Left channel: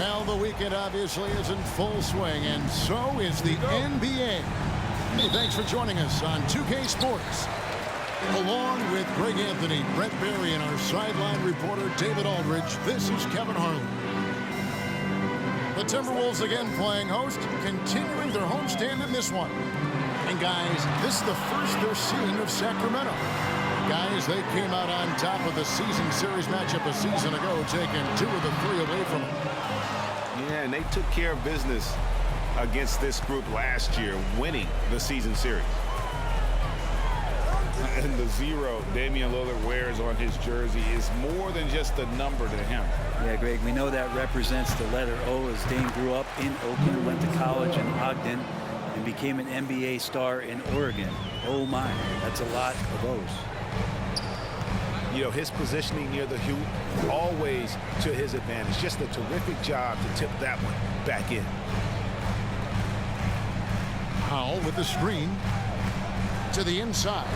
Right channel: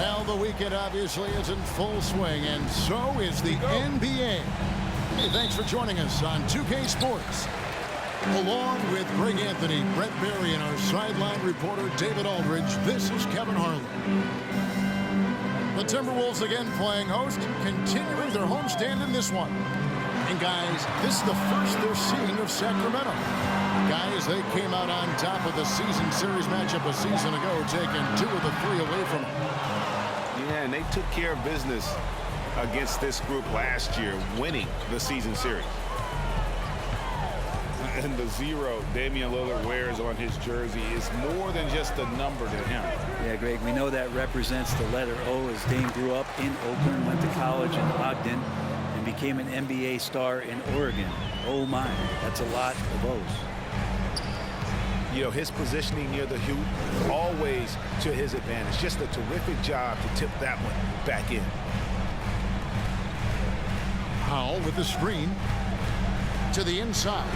Well, the weekend obviously is in full swing, and so is the NBA. Hey, thanks for joining us on 2K Sports. Along with Greg Anthony, Brett Barry, and our sideline reporter, David Aldridge, this is Kevin Harlan. The Timberwolves again playing host, continuing their homestand in this one. And guys, this is the first they're seeing of Sacramento. Guys, they came out on top of the season series matchup a season ago, taking 2 of the 3 away from them. Yeah, and they took care of business against this group last year, winning the season series. And the 0 Damian Lillard wears on his jersey is more than just a number to him. Yeah, Greg, we know that represents the letter O, as Dame grew up in Oakland, went to college in Ogden, and became an NBA star in Oregon. Oh my, that's a lot of O's. You know, his positioning near the hoop, always to his advantage. Just a terrific job to tip that one back in. Powell with the screen to the inside.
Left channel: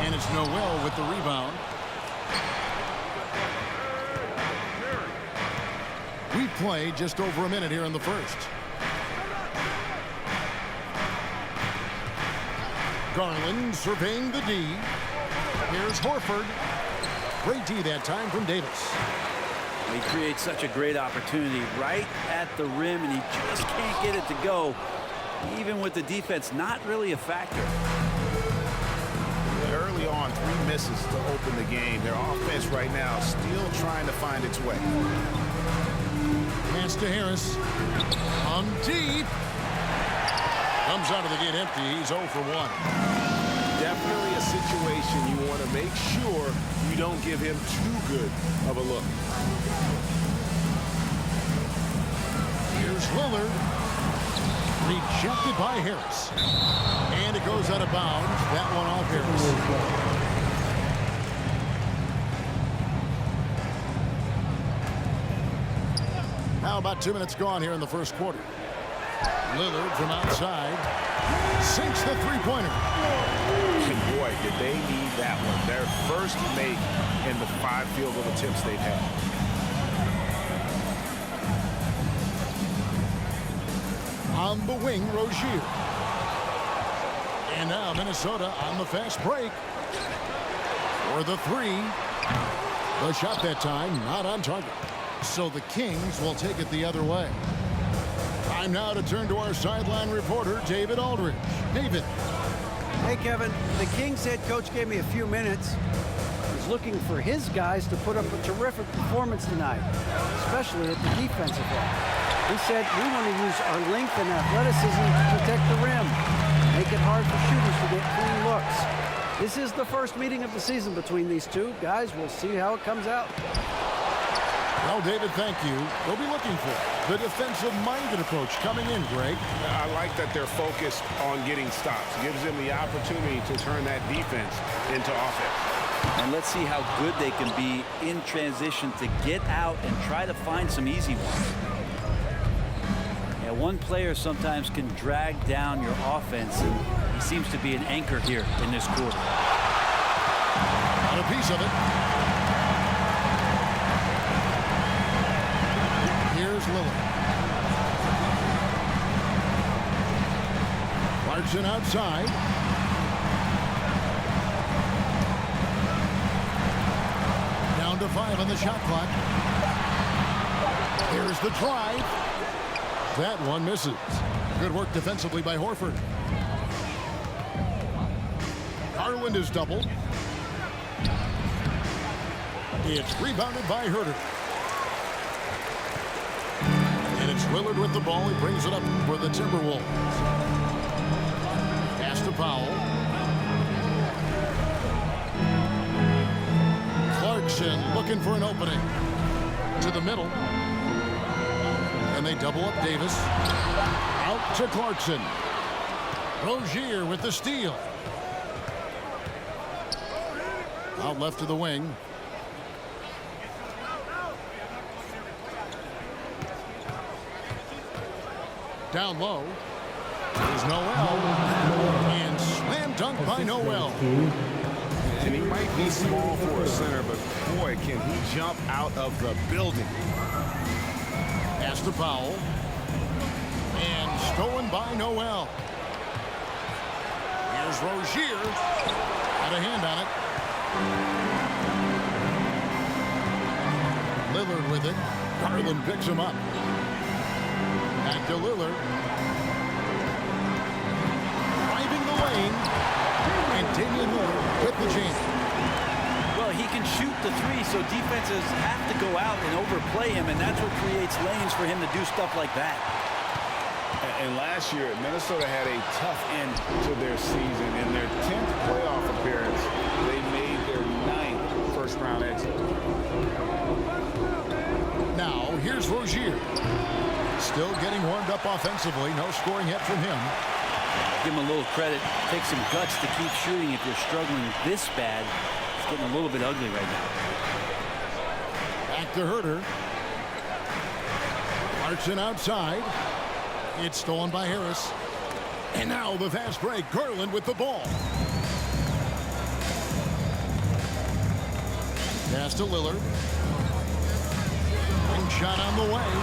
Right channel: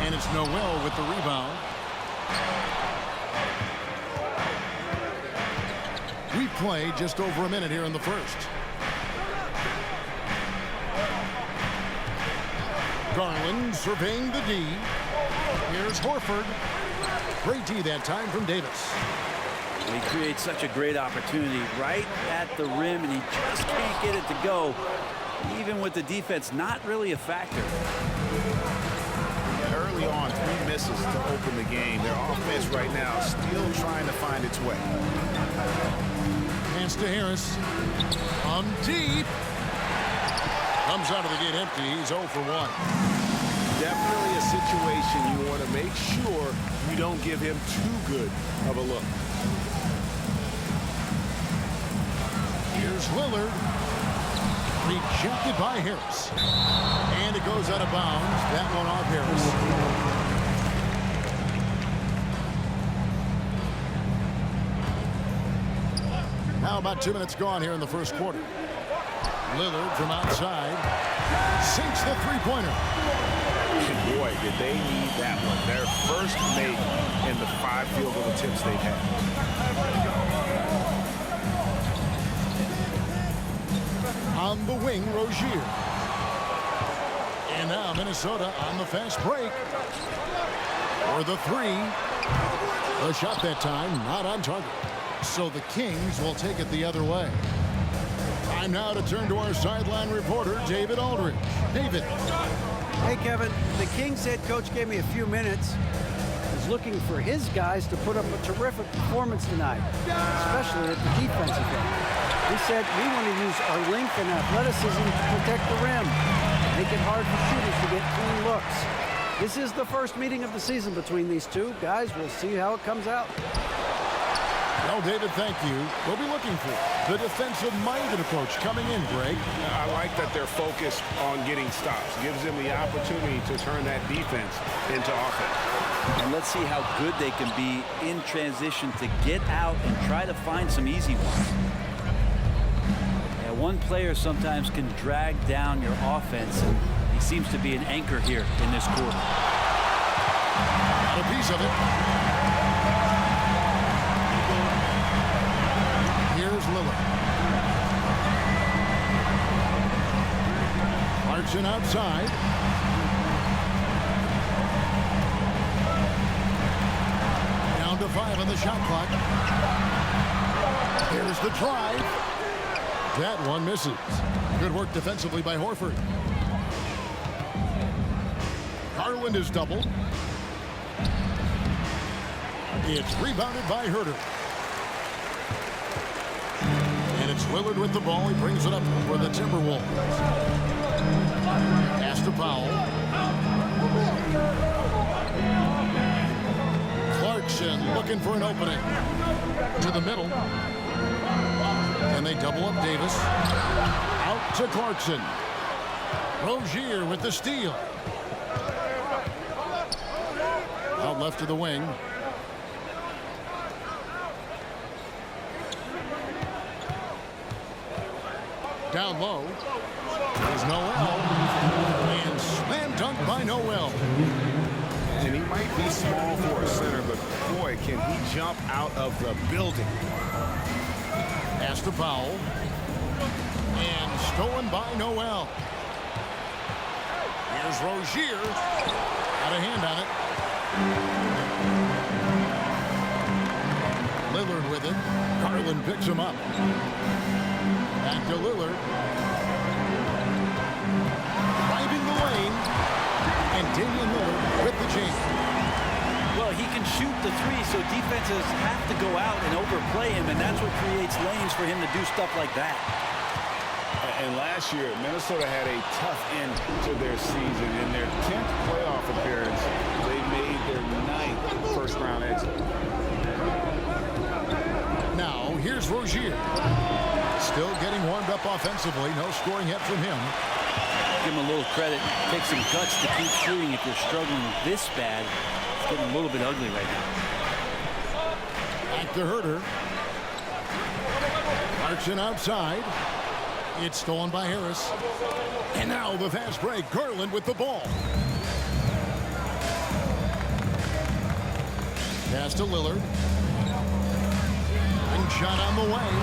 And it's Noel with the rebound. We play just over a minute here in the first. Garland surveying the D. Here's Horford. Great D that time from Davis. He creates such a great opportunity right at the rim, and he just can't get it to go. Even with the defense not really a factor. Early on, 3 misses to open the game. Their offense right now still trying to find its way. Pass to Harris. On deep. Comes out of the gate empty. He's 0 for 1. Definitely a situation you want to make sure you don't give him too good of a look. Here's Lillard. Rejected by Harris. And it goes out of bounds. That one off Harris. Now about 2 minutes gone here in the first quarter. Lillard from outside sinks the three-pointer. And boy, did they need that one. Their first make in the 5 field goal attempts they've had. On the wing, Rozier. And now Minnesota on the fast break. For the 3. The shot that time not on target. So the Kings will take it the other way. Time now to turn to our sideline reporter, David Aldridge. David. Hey, Kevin. The Kings head coach gave me a few minutes. He's looking for his guys to put up a terrific performance tonight, especially at the defensive end. He said, we want to use our length and athleticism to protect the rim, make it hard for shooters to get clean looks. This is the first meeting of the season between these two. Guys, we'll see how it comes out. Well, David, thank you. We'll be looking for the defensive-minded approach coming in, Greg. I like that they're focused on getting stops. Gives them the opportunity to turn that defense into offense. And let's see how good they can be in transition to get out and try to find some easy ones. And one player sometimes can drag down your offense, and he seems to be an anchor here in this quarter. Got a piece of it. Here's Lillard. Clarkson outside. Down to 5 on the shot clock. Here's the drive. That one misses. Good work defensively by Horford. Garland is doubled. It's rebounded by Herter. And it's Lillard with the ball. He brings it up for the Timberwolves. Pass to Powell. Clarkson looking for an opening. To the middle. And they double up Davis. Out to Clarkson. Rozier with the steal. Out left to the wing. Down low is Noel, and slam dunk by Noel. And he might be small for a center, but boy, can he jump out of the building. Pass to Powell. And stolen by Noel. Here's Rozier. Out of hand on it. Lillard with it. Garland picks him up. Back to Lillard. Driving the lane. And Damian Lillard with the jam. Well, he can shoot the three, so defenses have to go out and overplay him, and that's what creates lanes for him to do stuff like that. And last year, Minnesota had a tough end to their season. In their 10th playoff appearance, they made their 9th first-round exit. Now, here's Rozier. Still getting warmed up offensively. No scoring yet from him. Give him a little credit. Take some guts to keep shooting if you're struggling this bad. It's getting a little bit ugly right now. Back to Herter. Clarkson outside. It's stolen by Harris. And now the fast break. Garland with the ball. Pass to Lillard. Ring shot on the way.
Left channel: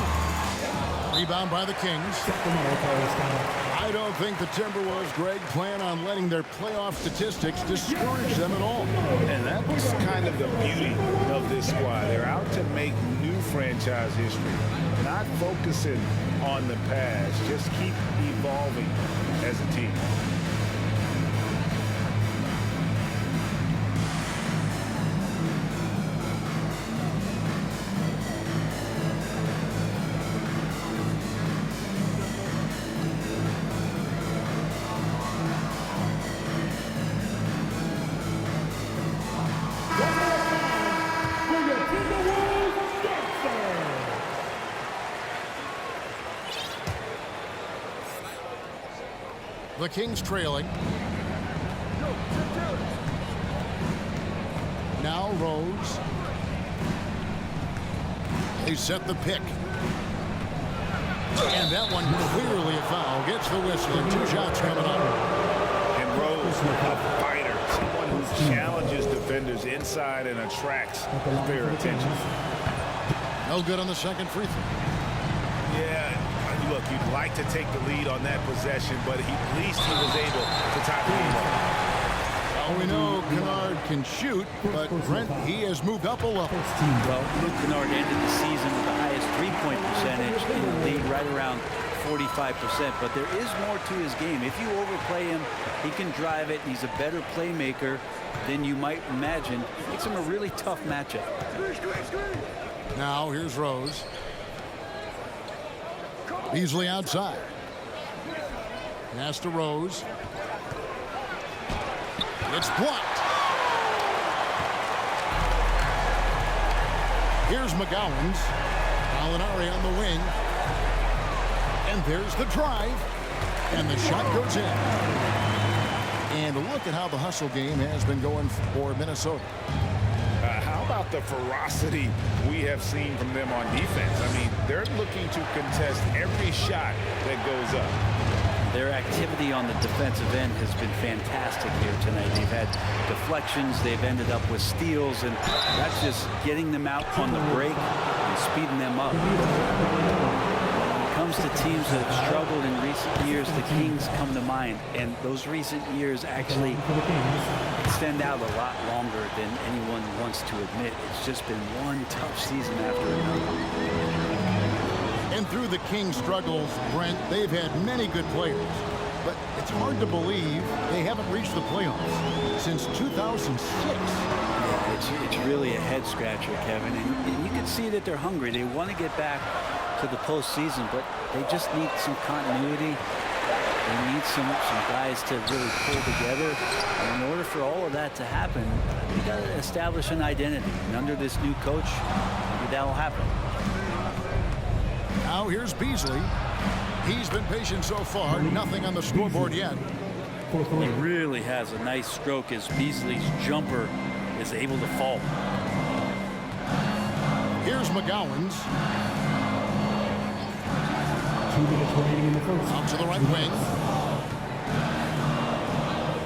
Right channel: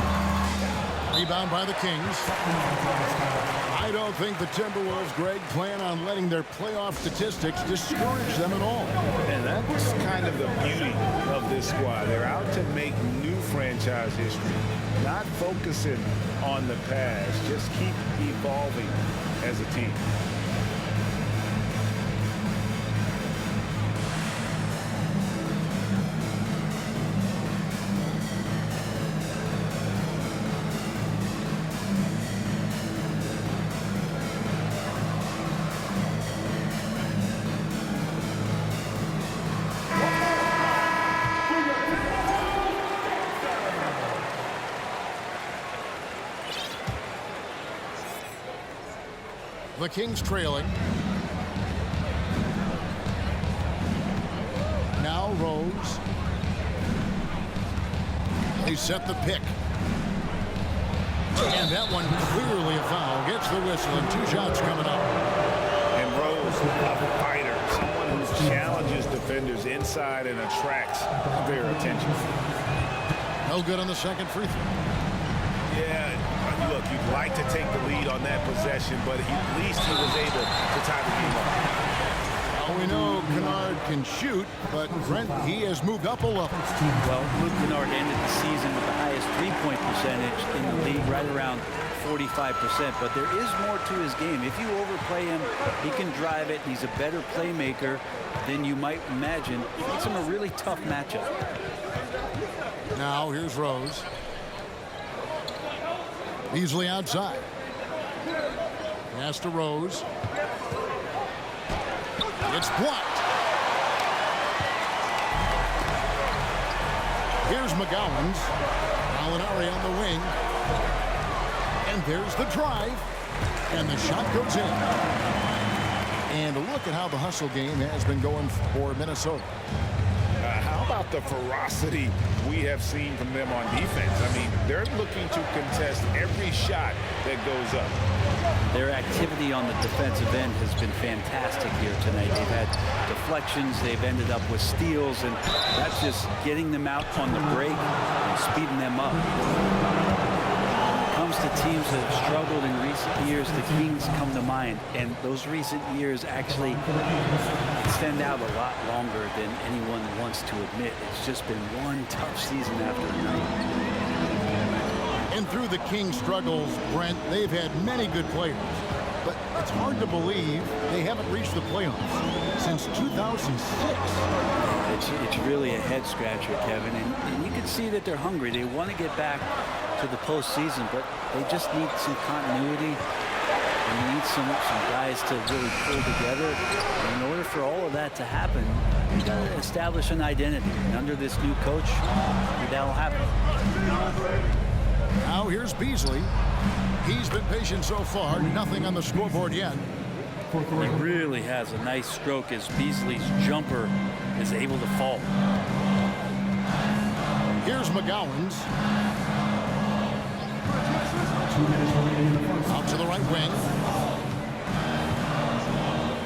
Rebound by the Kings. I don't think the Timberwolves, Greg, plan on letting their playoff statistics discourage them at all. And that's kind of the beauty of this squad. They're out to make new franchise history, not focusing on the past. Just keep evolving as a team. The Kings trailing. Now Rose. They set the pick. And that one clearly a foul. Gets the whistle and 2 shots coming up. And Rose, a fighter, someone who challenges defenders inside and attracts their attention. No good on the second free throw. Yeah, look, you'd like to take the lead on that possession, but at least he was able to tie the game up. Well, we know Kennard can shoot, but Brent, he has moved up a level. Well, Luke Kennard ended the season with the highest three-point percentage in the league, right around 45%. But there is more to his game. If you overplay him, he can drive it, and he's a better playmaker than you might imagine. It makes him a really tough matchup. Now here's Rose. Beasley outside. Pass to Rose. It's blocked. Here's McGowan's. Molinari on the wing. And there's the drive. And the shot goes in. And look at how the hustle game has been going for Minnesota. How about the ferocity we have seen from them on defense? I mean, they're looking to contest every shot that goes up. Their activity on the defensive end has been fantastic here tonight. They've had deflections, they've ended up with steals, and that's just getting them out on the break and speeding them up. When it comes to teams that have struggled in recent years, the Kings come to mind, and those recent years actually extend out a lot longer than anyone wants to admit. It's just been one tough season after another. And through the Kings' struggles, Brent, they've had many good players. But it's hard to believe they haven't reached the playoffs since 2006. Yeah, it's really a head-scratcher, Kevin. And you can see that they're hungry. They want to get back to the postseason, but they just need some continuity. They need some guys to really pull together. And in order for all of that to happen, they got to establish an identity. And under this new coach, maybe that'll happen. Now here's Beasley. He's been patient so far. Nothing on the scoreboard yet. He really has a nice stroke as Beasley's jumper is able to fall. Here's McGowan's. 2 minutes remaining in the first. Out to the right wing.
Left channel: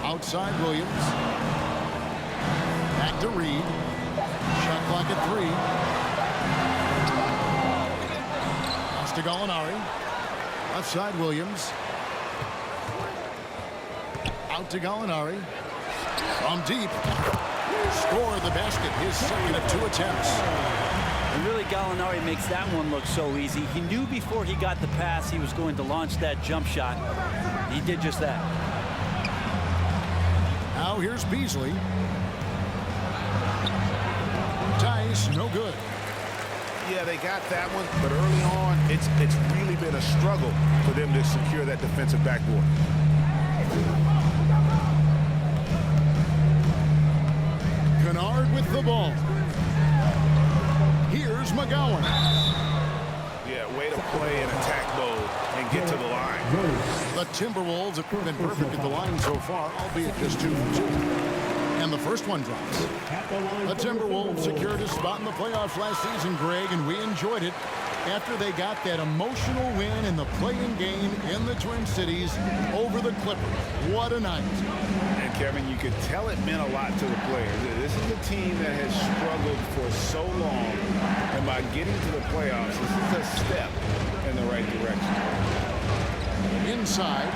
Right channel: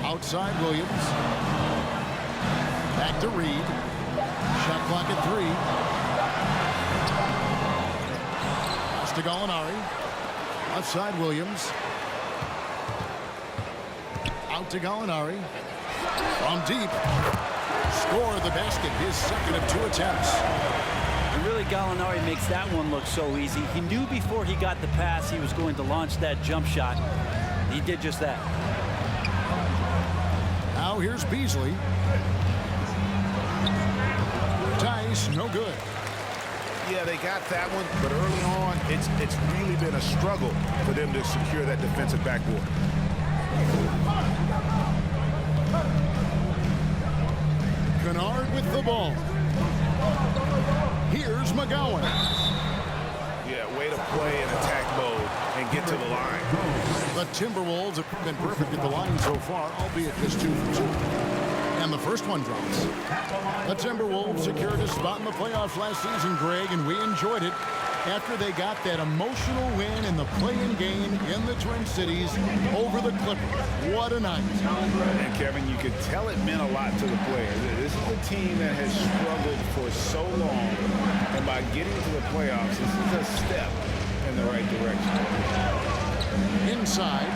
Outside Williams. Back to Reed. Shot clock at 3. Pass to Gallinari. Left side, Williams. Out to Gallinari. From deep. Score the basket, his second of 2 attempts. And really, Gallinari makes that one look so easy. He knew before he got the pass he was going to launch that jump shot. He did just that. Now here's Beasley. Tice, no good. Yeah, they got that one, but early on, it's really been a struggle for them to secure that defensive backboard. Kennard with the ball. Here's McGowan. Yeah, way to play in attack mode and get to the line. The Timberwolves have been perfect at the line so far, albeit just 2 for 2. And the first one drops. The Timberwolves secured a spot in the playoffs last season, Greg, and we enjoyed it after they got that emotional win in the play-in game in the Twin Cities over the Clippers. What a night. And Kevin, you could tell it meant a lot to the players. This is a team that has struggled for so long, and by getting to the playoffs, this is a step in the right direction. Inside,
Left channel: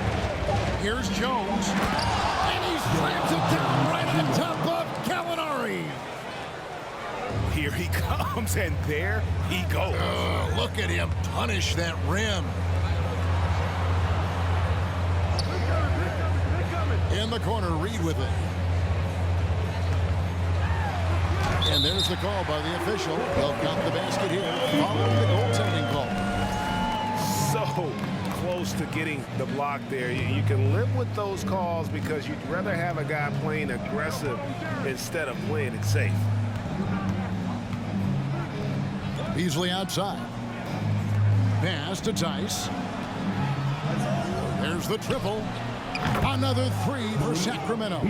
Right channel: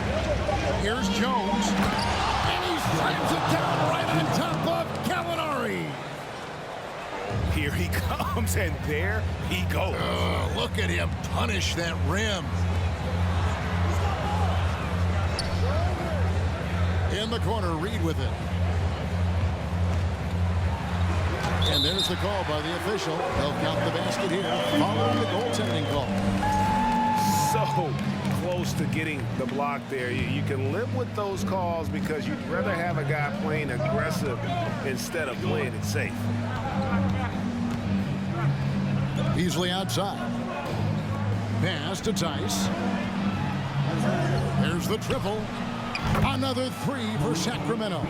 here's Jones, and he slams it down right on top of Gallinari. Oh, here he comes, and there he goes. Look at him punish that rim. In the corner, Reed with it. And there's the call by the official. They'll count the basket here following the goaltending call. So close to getting the block there. You can live with those calls because you'd rather have a guy playing aggressive instead of playing it safe. Beasley outside. Pass to Tice. There's the triple. Another 3 for Sacramento.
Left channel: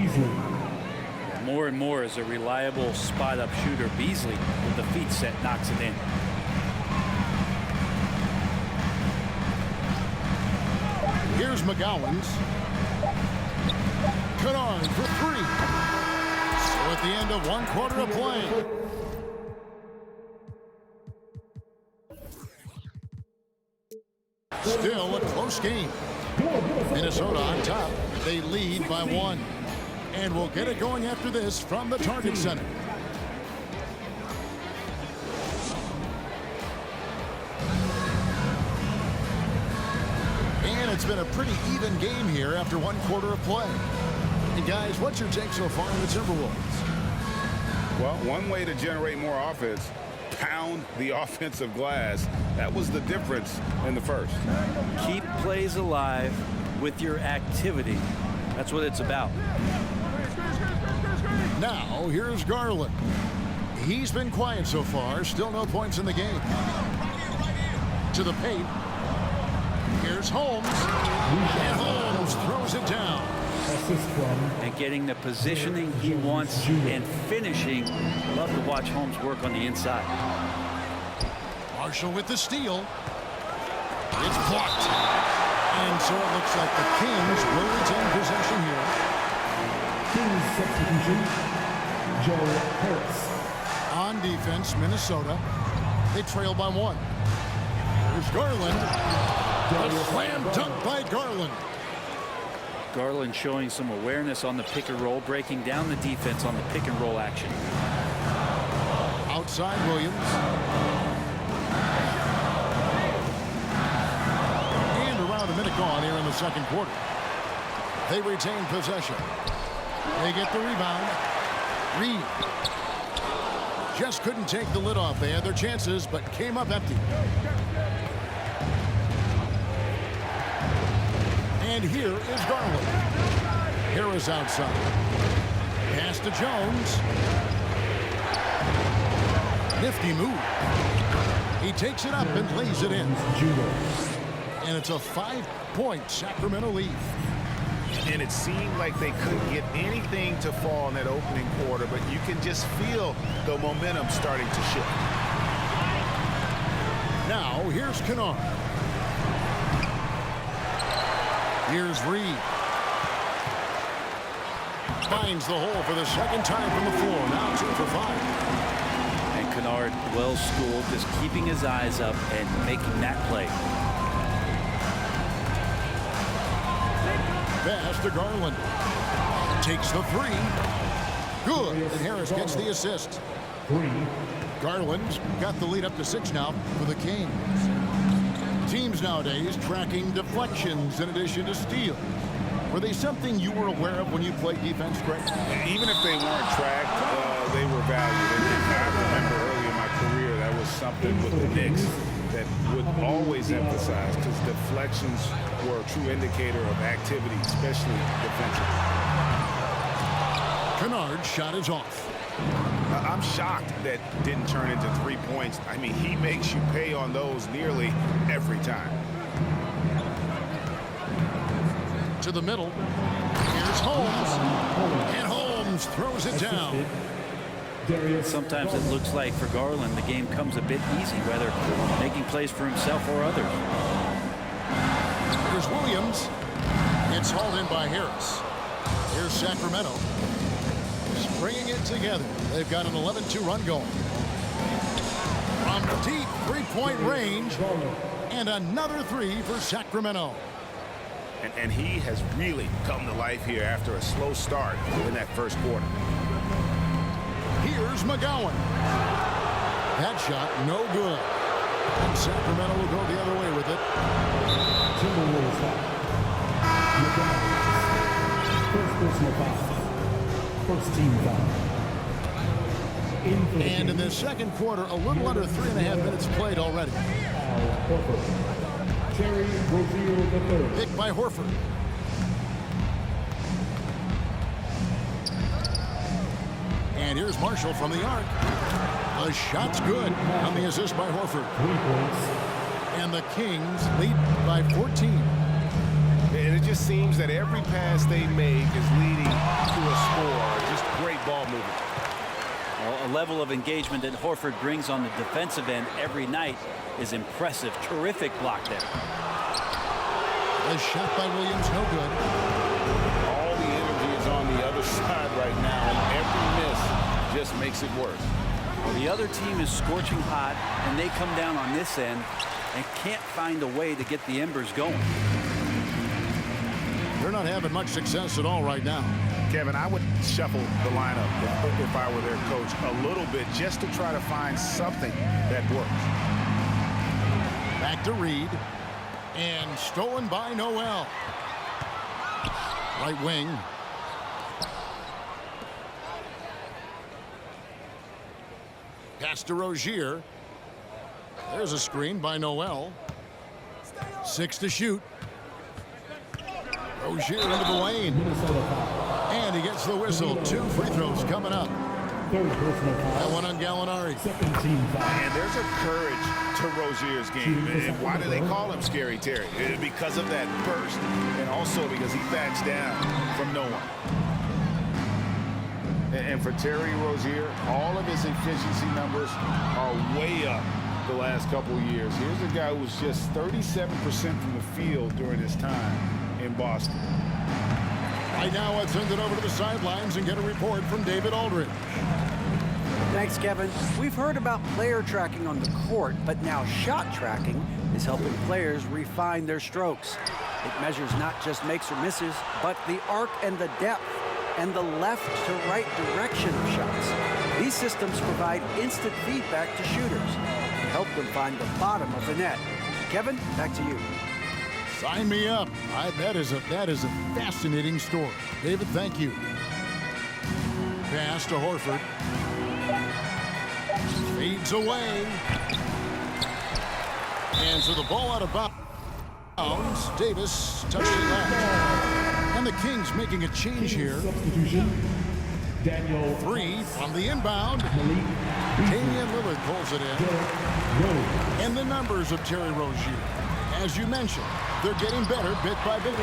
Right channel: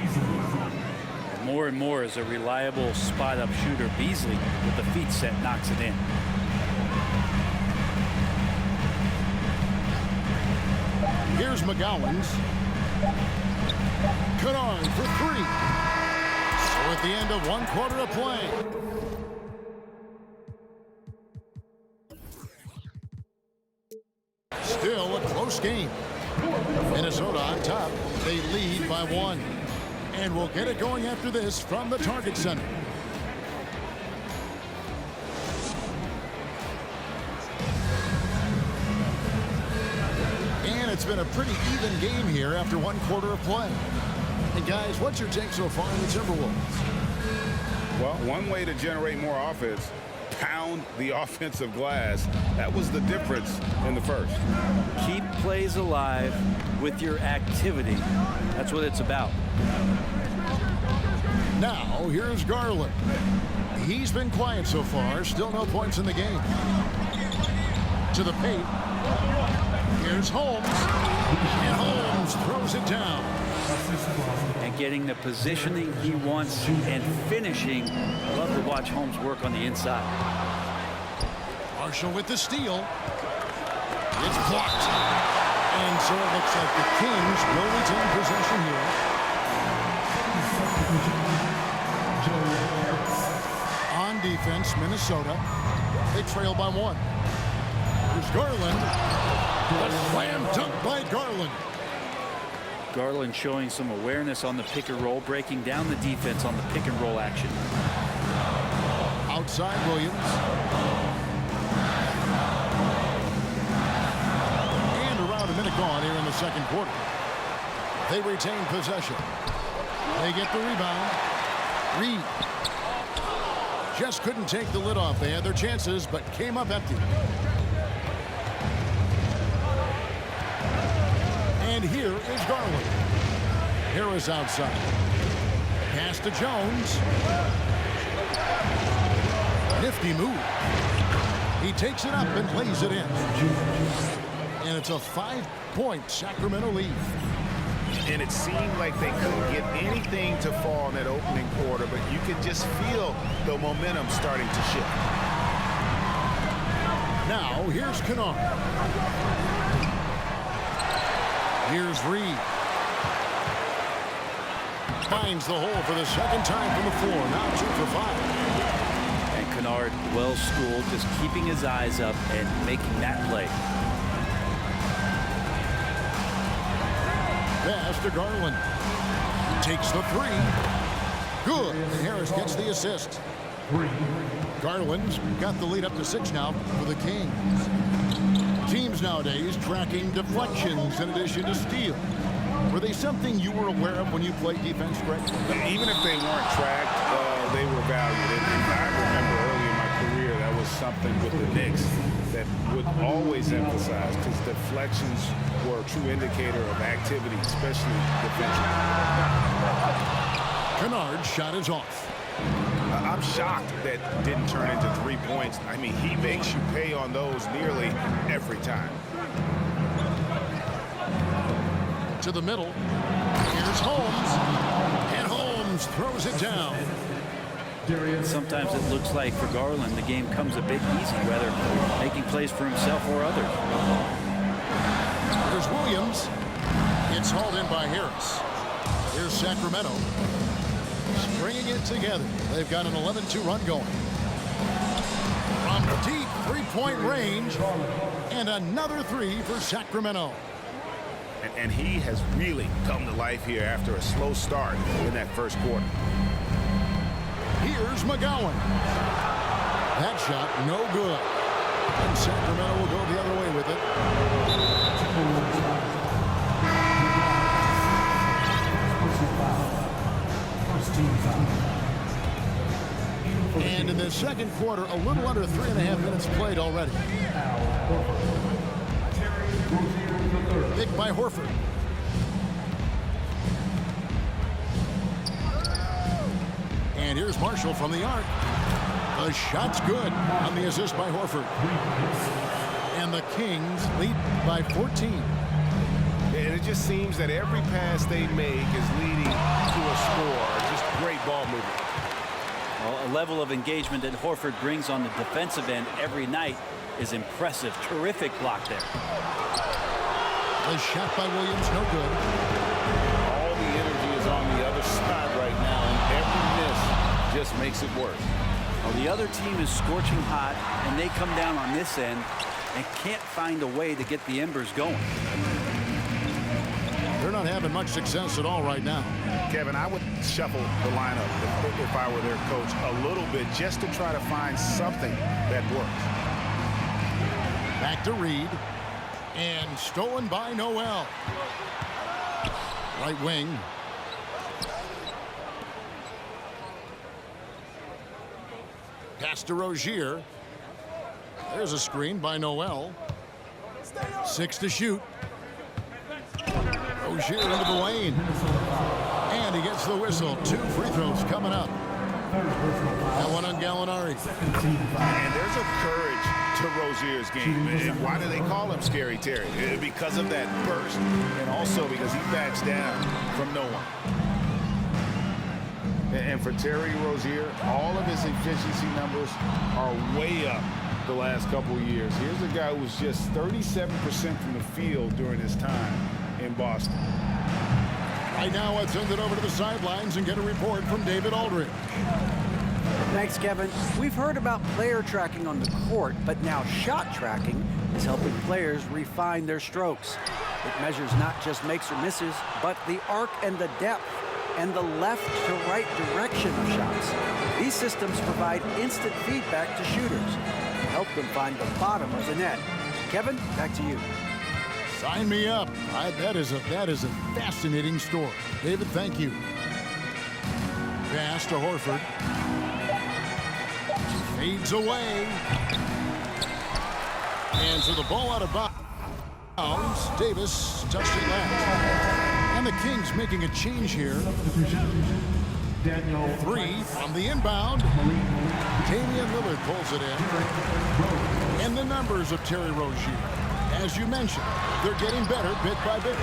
More and more as a reliable spot-up shooter, Beasley, with the feet set, knocks it in. Here's McGowan's. Kennard for 3. So at the end of 1 quarter of play. Still a close game. Minnesota on top. They lead by 1. And we'll get it going after this from the Target Center. And it's been a pretty even game here after 1 quarter of play. And guys, what's your take so far on the Timberwolves? Well, one way to generate more offense, pound the offensive glass. That was the difference in the first. Keep plays alive with your activity. That's what it's about. Now, here's Garland. He's been quiet so far. Still no points in the game. To the paint. Here's Holmes. And Holmes throws it down. And getting the positioning he wants and finishing. I love to watch Holmes work on the inside. Marshall with the steal. It's blocked. And so it looks like the Kings will retain possession here. Kings substitution, Joe Harris. On defense, Minnesota. They trail by 1. Here's Garland. The slam dunk by Garland. Garland showing some awareness on the pick and roll, breaking down the defense on the pick and roll action. Outside, Williams. And around a minute gone here in the second quarter. They retain possession. They get the rebound. Reed. Just couldn't take the lid off. They had their chances, but came up empty. And here is Garland. Harris outside. Pass to Jones. Nifty move. He takes it up and lays it in. And it's a 5-point Sacramento lead. And it seemed like they couldn't get anything to fall in that opening quarter, but you can just feel the momentum starting to shift. Now, here's Kennard. Here's Reed. Finds the hole for the second time from the floor. Now 2 for 5. And Kennard, well schooled, just keeping his eyes up and making that play. Pass to Garland. Takes the three. Good. And Harris gets the assist. Garland's got the lead up to 6 now for the Kings. Teams nowadays tracking deflections in addition to steals. Were they something you were aware of when you played defense, Greg? Even if they weren't tracked, they were valued. And I remember early in my career, that was something with the Knicks that would always emphasize, because deflections were a true indicator of activity, especially defensively. Kennard's shot is off. I'm shocked that didn't turn into 3 points. I mean, he makes you pay on those nearly every time. To the middle. Here's Holmes. And Holmes throws it down. Sometimes it looks like for Garland the game comes a bit easy, whether making plays for himself or others. Here's Williams. It's hauled in by Harris. Here's Sacramento. Bringing it together. They've got an 11-2 run going. From deep three-point range. And another three for Sacramento. And he has really come to life here after a slow start in that first quarter. Here's McGowan. That shot, no good. And Sacramento will go the other way with it. Timberwolves foul. McGowan. First personal foul. First team foul. And in the second quarter, a little under 3.5 minutes played already. Terry Rozier III. Picked by Horford. And here's Marshall from the arc. The shot's good on the assist by Horford. 3 points. And the Kings lead by 14. And it just seems that every pass they make is leading to a score. Just great ball movement. Well, a level of engagement that Horford brings on the defensive end every night is impressive. Terrific block there. The shot by Williams, no good. All the energy is on the other side right now, and every miss just makes it worse. Well, the other team is scorching hot, and they come down on this end and can't find a way to get the embers going. They're not having much success at all right now. Kevin, I would shuffle the lineup if I were their coach a little bit, just to try to find something that works. Back to Reed. And stolen by Noel. Right wing. Pass to Rozier. There's a screen by Noel. 6 to shoot. Rozier into the lane. And he gets the whistle. 2 free throws coming up. That one on Gallinari. And there's a courage to Rozier's game. And why do they call him Scary Terry? Because of that burst, and also because he backs down from no one. And for Terry Rozier, all of his efficiency numbers are way up the last couple of years. Here's a guy who was just 37% from the field during his time in Boston. Right now, let's send it over to the sidelines and get a report from David Aldridge. Thanks, Kevin. We've heard about player tracking on the court, but now shot tracking is helping players refine their strokes. It measures not just makes or misses, but the arc and the depth and the left to right direction of shots. These systems provide instant feedback to shooters and help them find the bottom of the net. Kevin, back to you. Sign me up. That is a fascinating story. David, thank you. Pass to Horford. Fades away. And so the ball out of bounds. Davis touched it last. And the Kings making a change here. Substitution. Daniel 3 from the inbound. Damian Lillard pulls it in. And the numbers of Terry Rozier. As you mentioned, they're getting better bit by bit.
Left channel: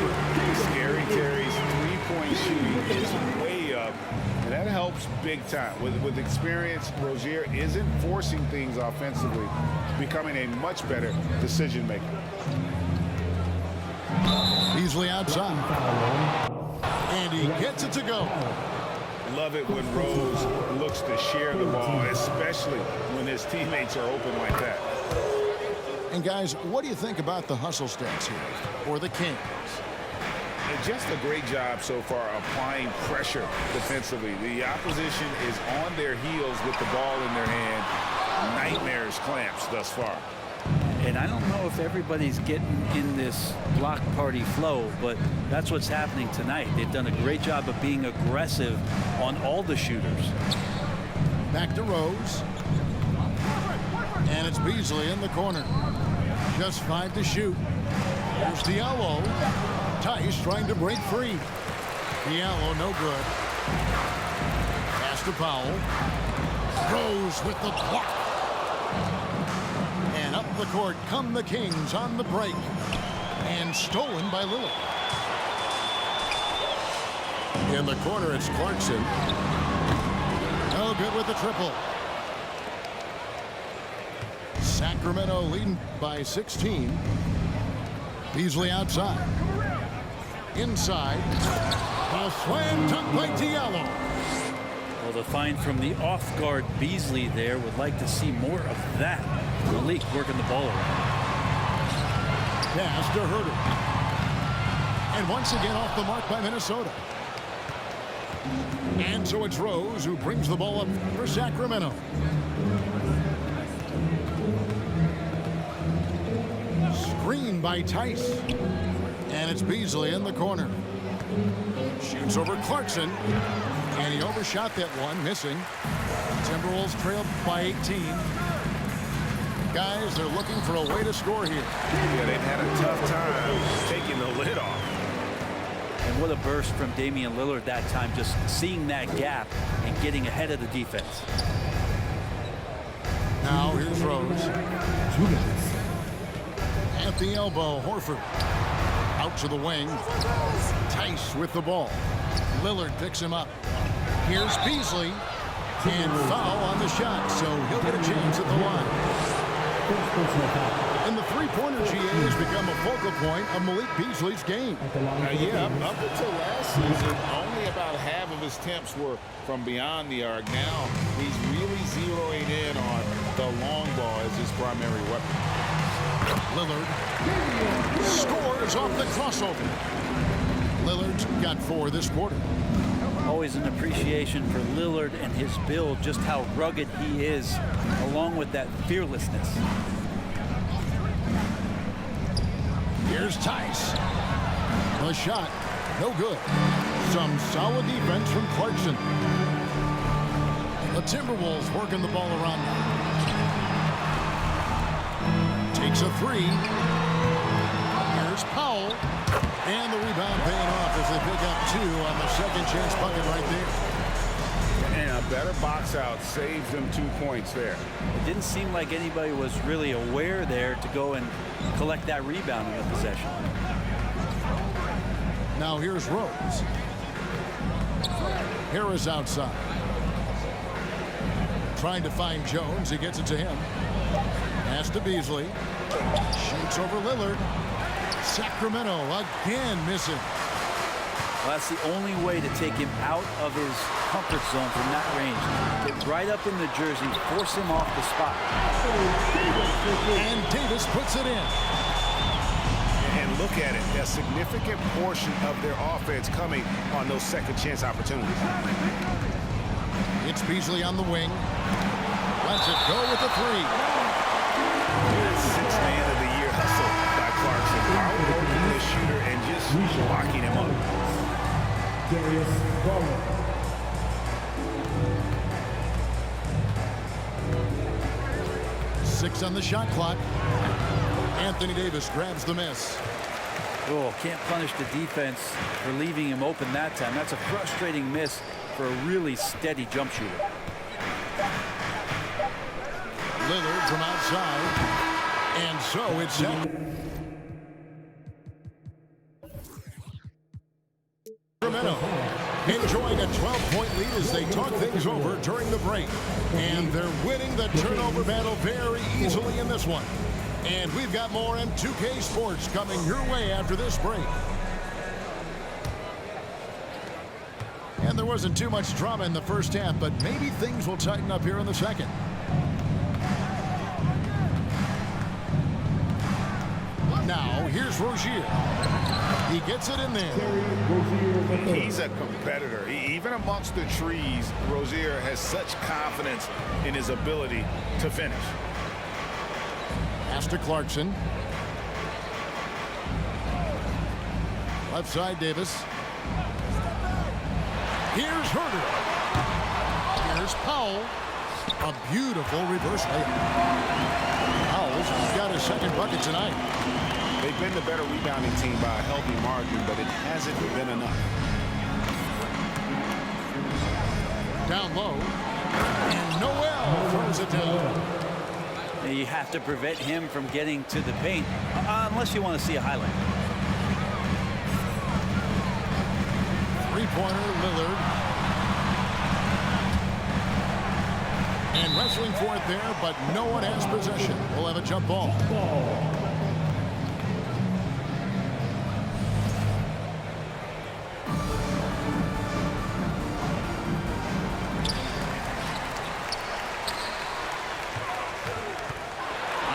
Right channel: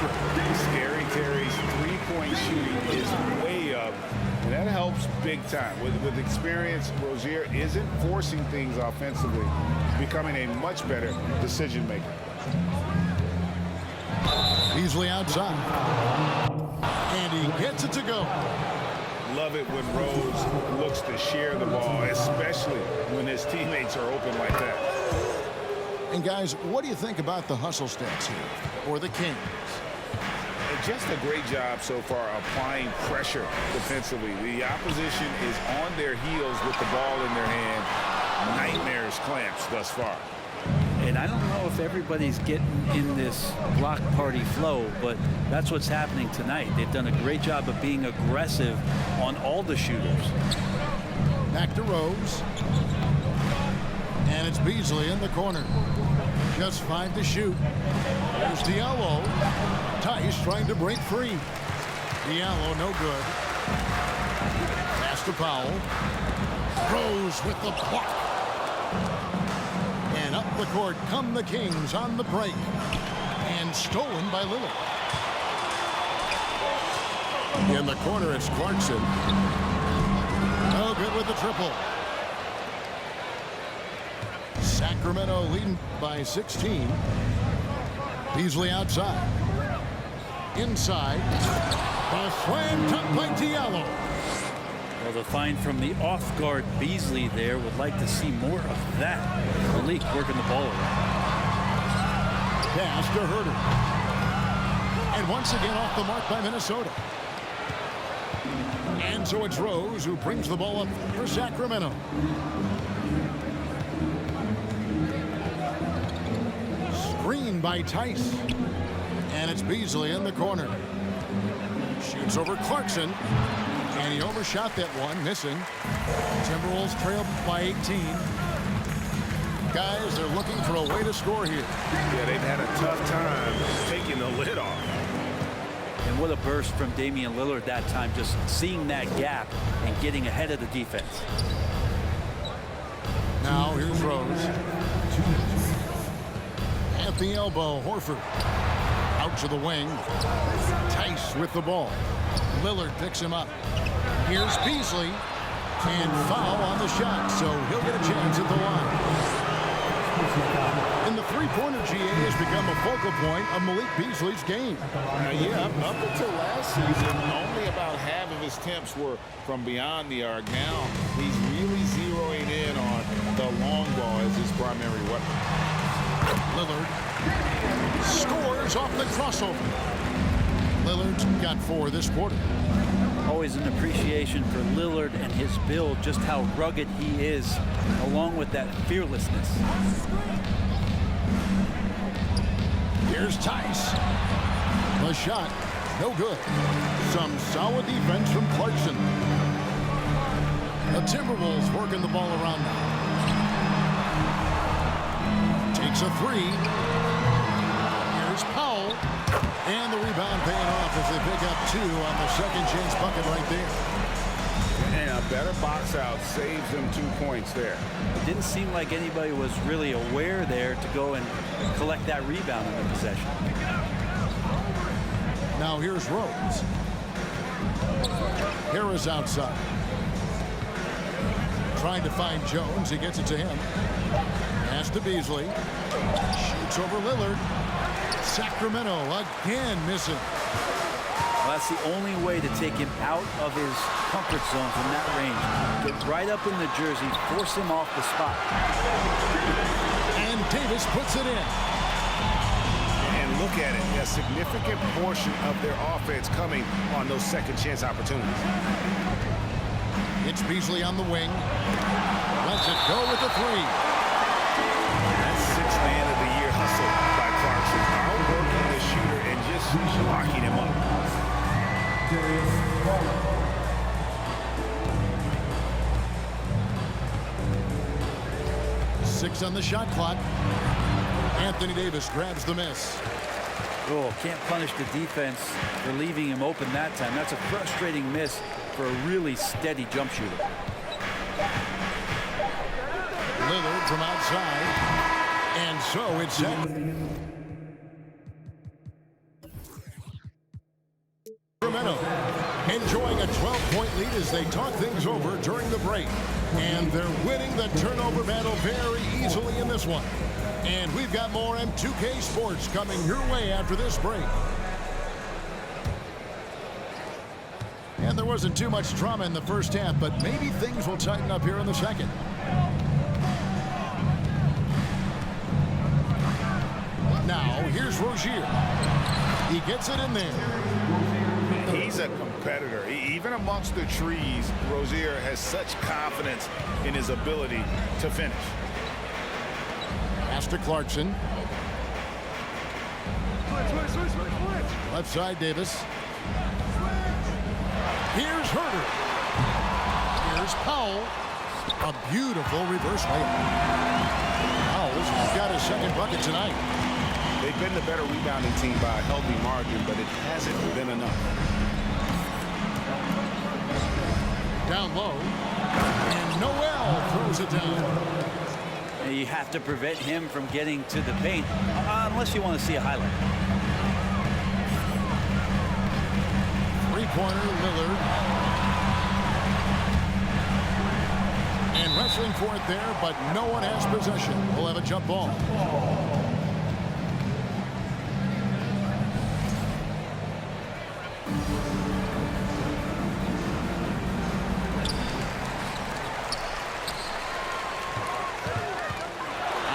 Scary Terry's three-point shooting is way up, and that helps big time. With experience, Rozier isn't forcing things offensively, becoming a much better decision maker. Beasley outside. And he gets it to go. Love it when Rose looks to share the ball, especially when his teammates are open like that. And guys, what do you think about the hustle stats here for the Kings? Just a great job so far applying pressure defensively. The opposition is on their heels with the ball in their hand. Nightmares clamps thus far. And I don't know if everybody's getting in this block party flow, but that's what's happening tonight. They've done a great job of being aggressive on all the shooters. Back to Rose. And it's Beasley in the corner. Just 5 to shoot. Here's Diallo. Tice trying to break free. Diallo no good. Pass to Powell. Rose with the block. And up the court come the Kings on the break. And stolen by Lillard. In the corner, it's Clarkson. No good with the triple. Sacramento leading by 16. Beasley outside. Inside. A slam dunk by Diallo. Well, the find from the off-guard Beasley there. Would like to see more of that. Malik working the ball around. Pass to Herter. And once again off the mark by Minnesota. And so it's Rose who brings the ball up for Sacramento. Screen by Tice. And it's Beasley in the corner. Shoots over Clarkson. And he overshot that one, missing. Timberwolves trail by 18. Guys, they're looking for a way to score here. Yeah, they've had a tough time taking the lid off. And what a burst from Damian Lillard that time, just seeing that gap and getting ahead of the defense. Now here's Rose. 2 minutes. At the elbow, Horford. Out to the wing. Tice with the ball. Lillard picks him up. Here's Beasley. And foul on the shot, so he'll get a chance at the line. And the three-pointer, GA, has become a focal point of Malik Beasley's game. Yeah, up until last season, only about half of his attempts were from beyond the arc. Now he's really zeroing in on the long ball as his primary weapon. Lillard scores off the crossover. Lillard's got 4 this quarter. Always an appreciation for Lillard and his build, just how rugged he is, along with that fearlessness. Here's Tice. The shot, no good. Some solid defense from Clarkson. The Timberwolves working the ball around now. Takes a 3. Here's Powell. And the rebound paying off as they pick up 2 on the second chance bucket right there. And a better box out saves them 2 points there. It didn't seem like anybody was really aware there to go and collect that rebound in the possession. Now here's Rose. Harris outside. Trying to find Jones. He gets it to him. Pass to Beasley. Shoots over Lillard. Sacramento again missing. Well, that's the only way to take him out of his comfort zone from that range. Get right up in the jersey, force him off the spot. And Davis puts it in. And look at it, a significant portion of their offense coming on those second chance opportunities. It's Beasley on the wing. Lets it go with the 3. That's 6th man of the year hustle by Clarkson. Outworking the shooter and just locking him up. Darius Garland. Six on the shot clock. Anthony Davis grabs the miss. Oh, can't punish the defense for leaving him open that time. That's a frustrating miss for a really steady jump shooter. Lillard from outside. And so it's Sacramento enjoying a 12-point lead as they talk things over during the break. And they're winning the turnover battle very easily in this one. And we've got more M2K Sports coming your way after this break. And there wasn't too much drama in the first half, but maybe things will tighten up here in the second. Now, here's Rozier. He gets it in there. He's a competitor. Even amongst the trees, Rozier has such confidence in his ability to finish. Pass to Clarkson. Left side, Davis. Here's Herter. Here's Powell. A beautiful reverse layup. Powell's got his second bucket tonight. They've been the better rebounding team by a healthy margin, but it hasn't been enough. Down low. And Noel throws it down. You have to prevent him from getting to the paint unless you want to see a highlight. Three-pointer, Lillard. And wrestling for it there, but no one has possession. We'll have a jump ball.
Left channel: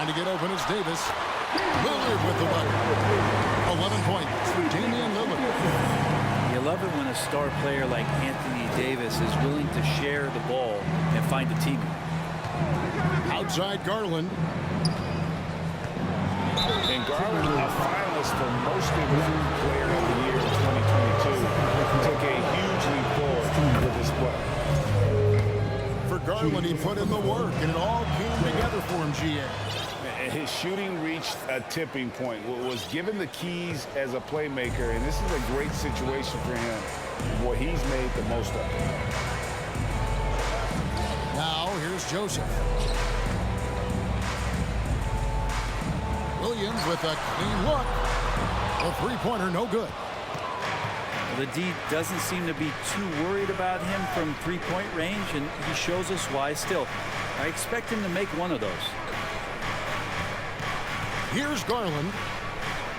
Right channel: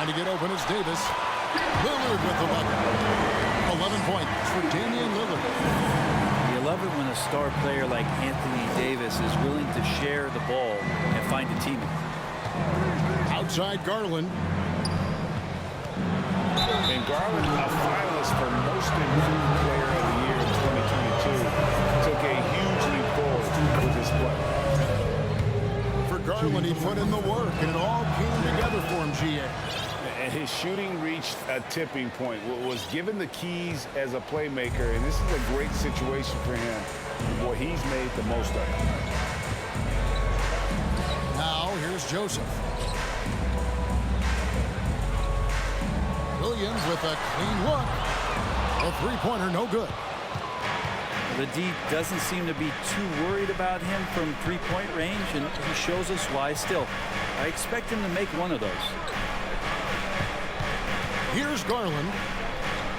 Trying to get open is Davis. Lillard with the bucket. 11 points for Damian Lillard. You love it when a star player like Anthony Davis is willing to share the ball and find a teammate. Outside Garland. And Garland, a finalist for Most Improved Player of the Year in 2022, took a huge leap forward with his play. For Garland, he put in the work, and it all came together for him, GA. And his shooting reached a tipping point, was given the keys as a playmaker, and this is a great situation for him. Boy, he's made the most of it. Now, here's Joseph. Williams with a clean look. A three-pointer, no good. The D doesn't seem to be too worried about him from three-point range, and he shows us why. Still, I expect him to make one of those. Here's Garland.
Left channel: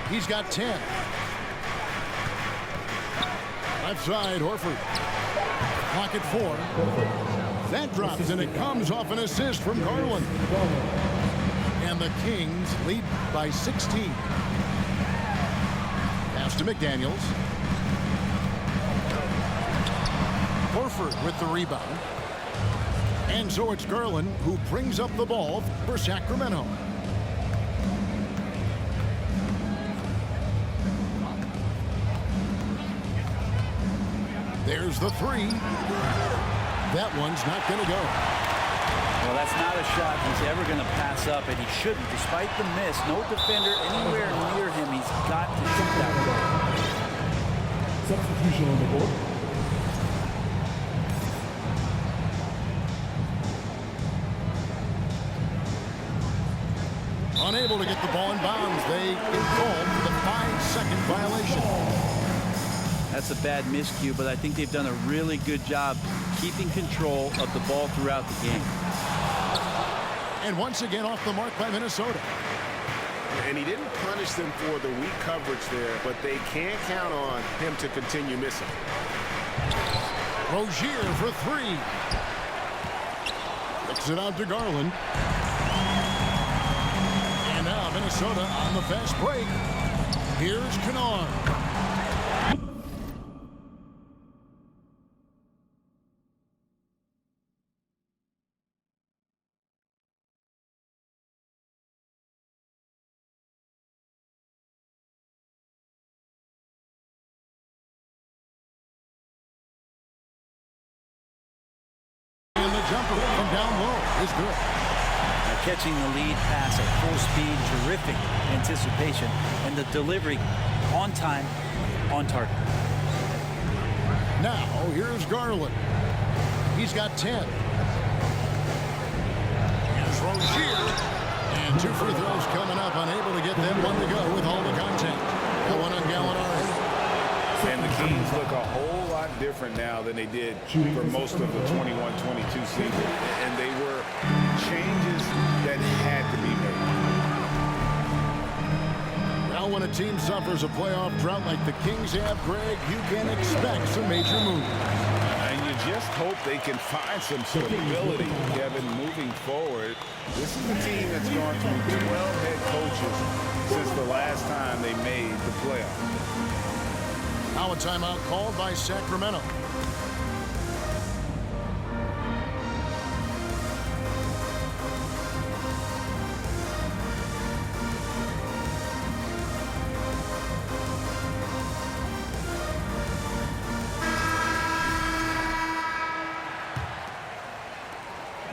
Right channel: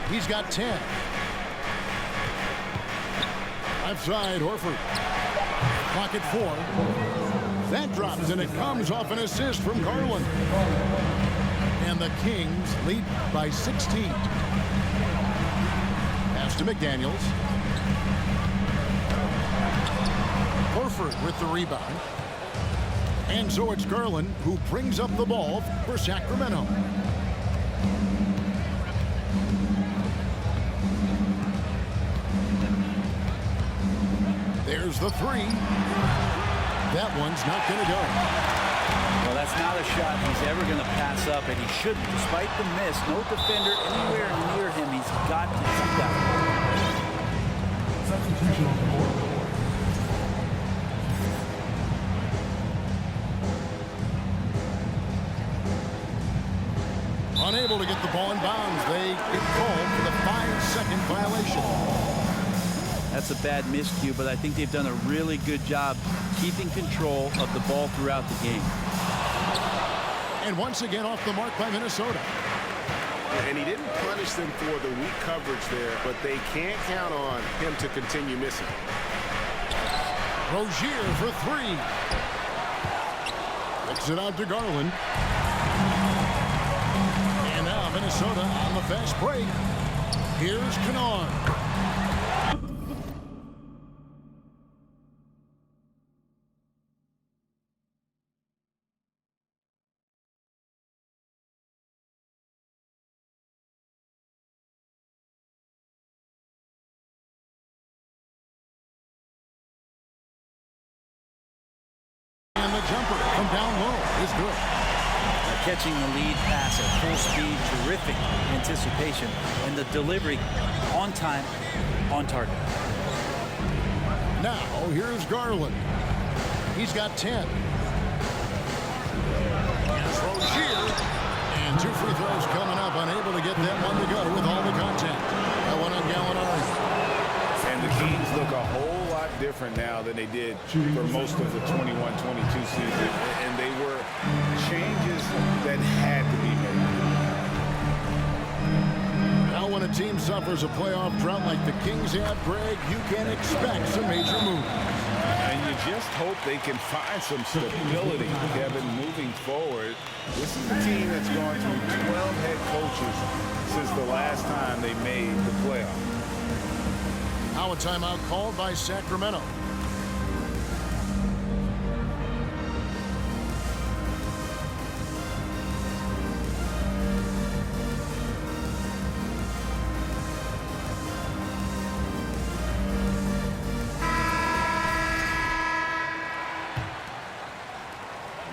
He's got 10. Left side, Horford. Clock at 4. That drops, and it comes off an assist from Garland. And the Kings lead by 16. Pass to McDaniels. Horford with the rebound. And so it's Garland who brings up the ball for Sacramento. There's the three. That one's not going to go. Well, that's not a shot he's ever going to pass up, and he shouldn't. Despite the miss, no defender anywhere near him. He's got to shoot that one. Substitution on the board. Unable to get the ball in bounds. They get called for the 5-second violation. That's a bad miscue, but I think they've done a really good job keeping control of the ball throughout the game. And once again off the mark by Minnesota. And he didn't punish them for the weak coverage there, but they can't count on him to continue missing. Rozier for three. Kicks it out to Garland. And now Minnesota on the fast break. Here's Kennard. And the jumper from down low is good. Now catching the lead pass at full speed, terrific anticipation, and the delivery on time, on target. Now here's Garland. He's got 10. Here's Rozier. And 2 free throws coming up, unable to get that one to go with all the contact. That one on Gallinari. And the Kings look a whole lot different now than they did for most of the 21-22 season. And they were changes that had to be made. Now when a team suffers a playoff drought like the Kings have, Greg, you can expect some major moves. just hope they can find some stability, Kevin, moving forward. This is a team that's gone through 12 head coaches since the last time they made the playoffs. Now a timeout called by Sacramento.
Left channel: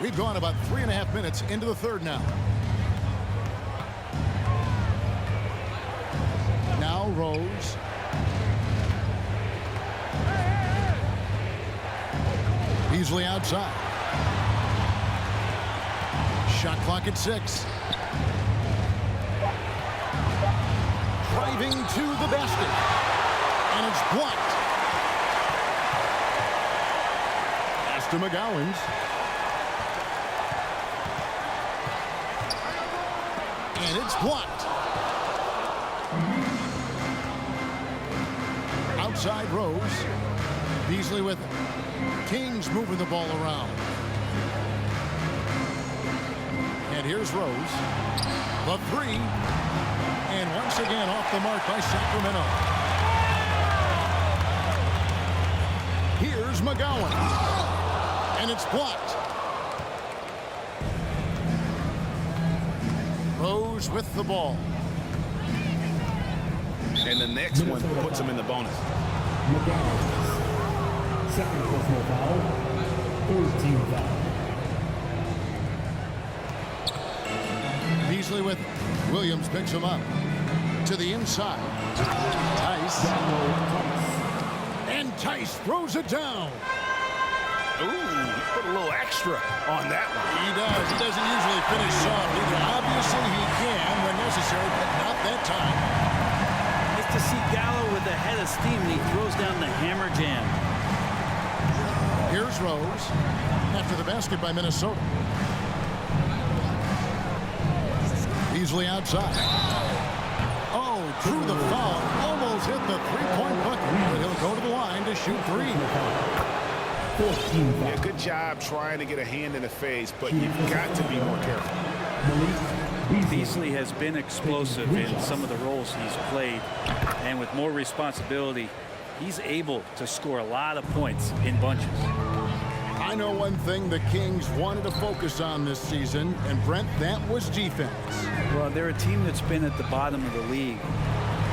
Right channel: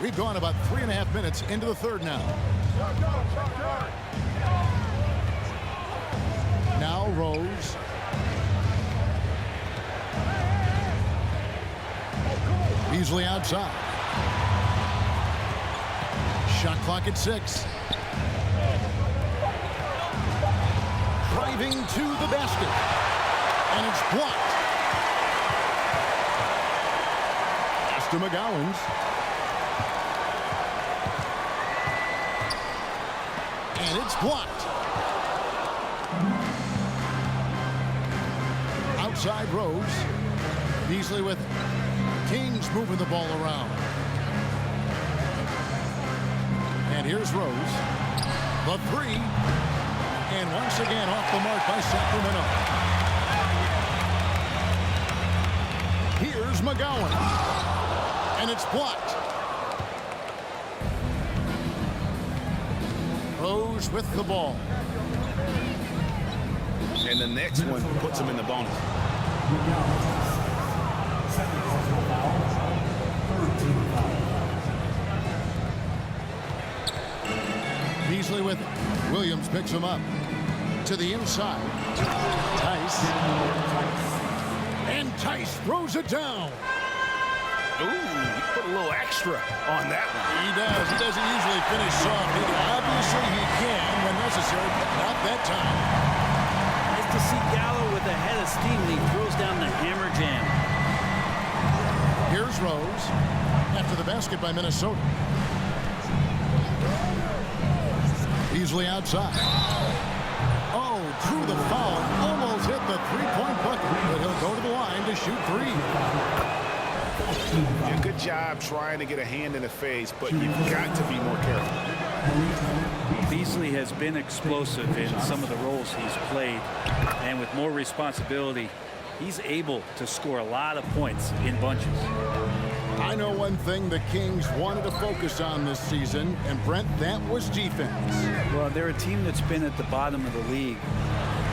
We've gone about 3.5 minutes into the third now. Now Rose. Beasley outside. Shot clock at 6. Driving to the basket. And it's blocked. Pass to McGowan's. And it's blocked. Outside Rose. Beasley with it. Kings moving the ball around. And here's Rose. The 3. And once again off the mark by Sacramento. Here's McGowan. And it's blocked. Rose with the ball. And the next one puts them in the bonus. Second personal foul. Third team foul. Beasley with it. Williams picks him up. To the inside. Tice. And Tice throws it down. Ooh, he put a little extra on that one. He does. He doesn't usually finish soft either. Obviously, he can when necessary, but not that time. Nice to see Gallo with a head of steam, and he throws down the hammer jam. Here's Rose after the basket by Minnesota. Beasley outside. Oh, drew the foul. Almost hit the three-point bucket, but he'll go to the line to shoot 3. Yeah, good job trying to get a hand in the face, but you've got to be more careful. Beasley has been explosive in some of the roles he's played, and with more responsibility, he's able to score a lot of points in bunches. I know one thing the Kings wanted to focus on this season, and Brent, that was defense. Well, they're a team that's been at the bottom of the league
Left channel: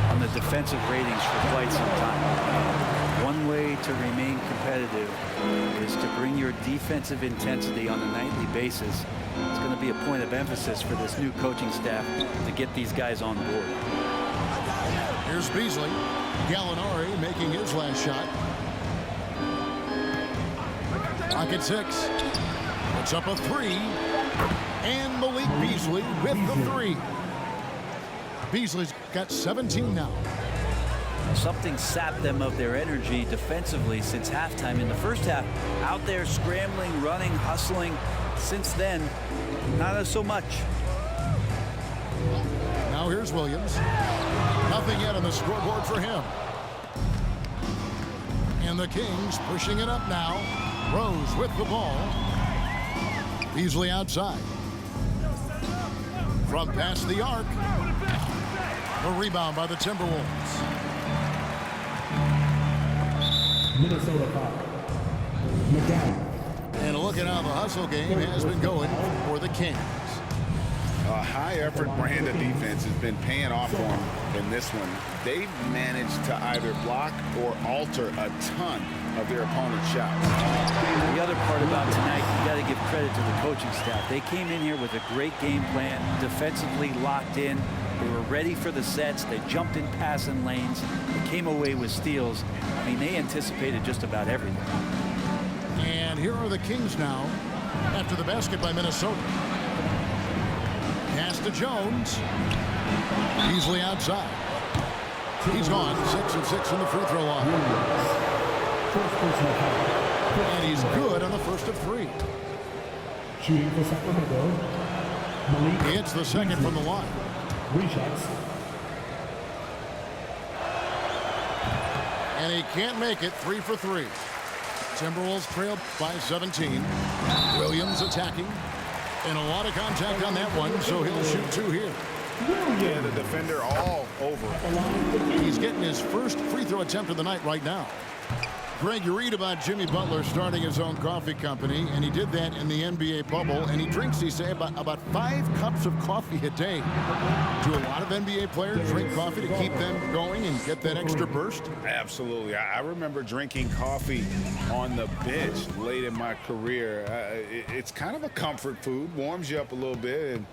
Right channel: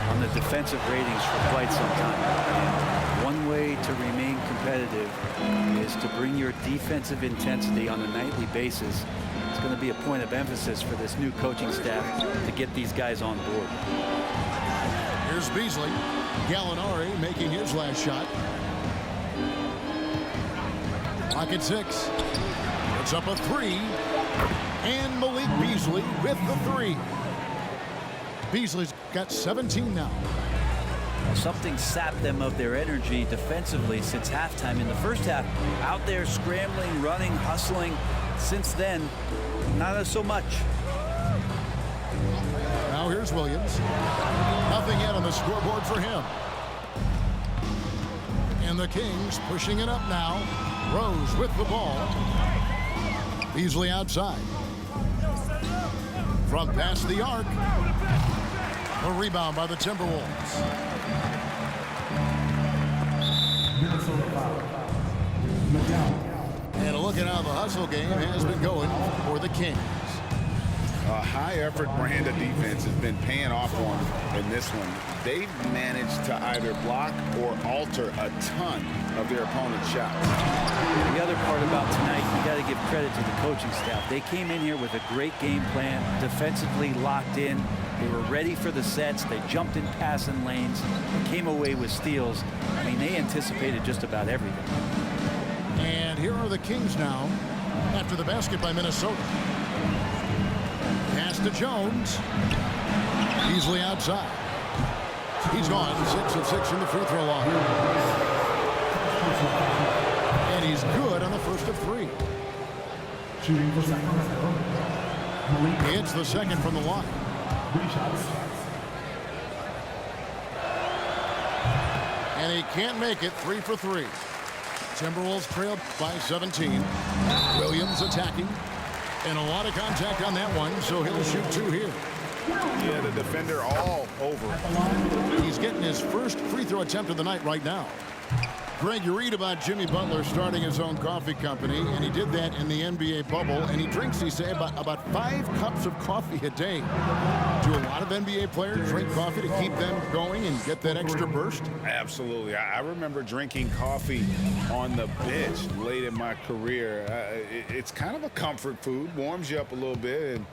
on the defensive ratings for quite some time. And one way to remain competitive is to bring your defensive intensity on a nightly basis. It's going to be a point of emphasis for this new coaching staff to get these guys on board. Here's Beasley. Gallinari making his last shot. Clock at 6. Puts up a 3. And Malik Beasley with the 3. Beasley's got 17 now. Something sapped them of their energy defensively since halftime. In the first half, out there scrambling, running, hustling. Since then, not so much. Now here's Williams. Nothing yet on the scoreboard for him. And the Kings pushing it up now. Rose with the ball. Beasley outside. From past the arc. A rebound by the Timberwolves. Minnesota foul. McDowell. And a look at how the hustle game has been going for the Kings. A high-effort brand of defense has been paying off for them in this one. They've managed to either block or alter a ton of their opponent's shots. The other part about tonight, you got to give credit to the coaching staff. They came in here with a great game plan, defensively locked in. They were ready for the sets. They jumped in passing lanes. They came away with steals. I mean, they anticipated just about everything. And here are the Kings now after the basket by Minnesota. Pass to Jones. Beasley outside. He's gone 6 of 6 from the free throw line. And he's good on the first of 3. Shooting for Sacramento. Malik. He hits the second from the line. 3 shots. And he can't make it. 3 for 3. Timberwolves trailed by 17. Williams attacking. And a lot of contact on that one, so he'll shoot 2 here. Yeah, the defender all over. He's getting his first free throw attempt of the night right now. Greg, you read about Jimmy Butler starting his own coffee company, and he did that in the NBA bubble, and he drinks, he say, about 5 cups of coffee a day. Do a lot of NBA players drink coffee to keep them going and get that extra burst? Absolutely. I remember drinking coffee on the bench late in my career. It's kind of a comfort food, warms you up a little bit, and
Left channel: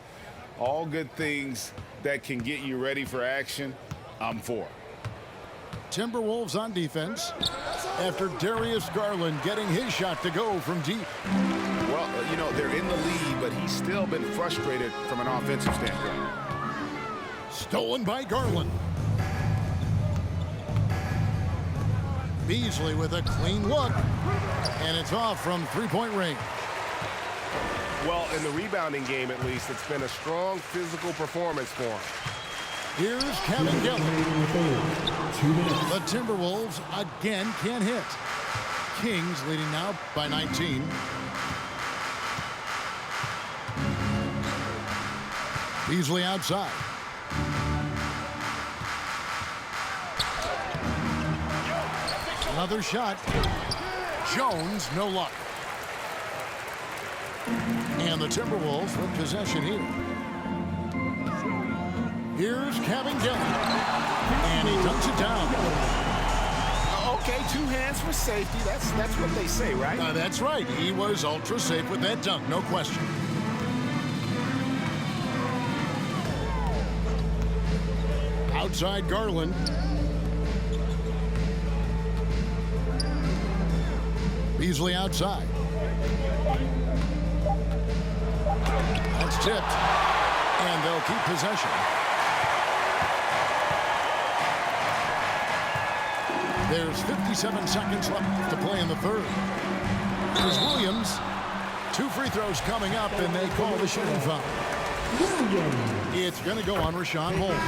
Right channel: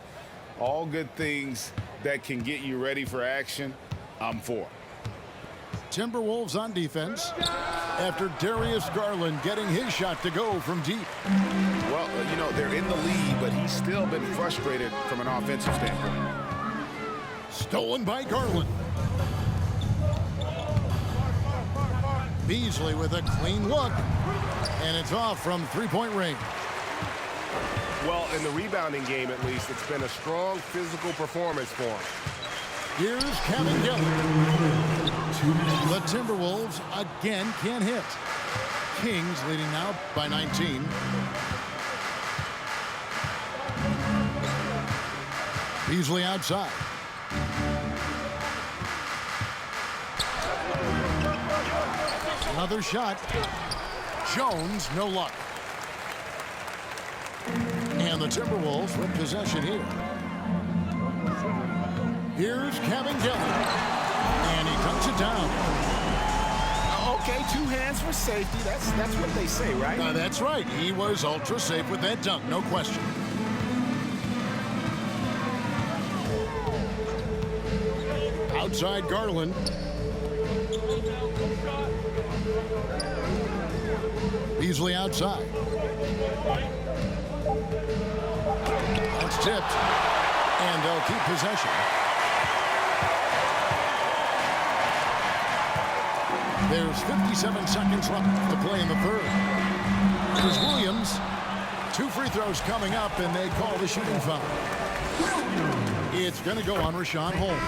all good things that can get you ready for action, I'm for. Timberwolves on defense after Darius Garland getting his shot to go from deep. Well, you know, they're in the lead, but he's still been frustrated from an offensive standpoint. Stolen by Garland. Beasley with a clean look, and it's off from three-point range. Well, in the rebounding game, at least, it's been a strong physical performance for him. Here's Kevin Gillen. The Timberwolves again can't hit. Kings leading now by 19. Beasley outside. Another shot. Jones, no luck. And the Timberwolves with possession here. Here's Kevin Gillen. And he dunks it down. Okay, 2 hands for safety. That's what they say, right? That's right. He was ultra safe with that dunk, no question. Outside Garland. Beasley outside. That's tipped. And they'll keep possession. There's 57 seconds left to play in the third. Here's Williams. 2 free throws coming up, and they call the shooting foul. It's going to go on Rashawn Holmes.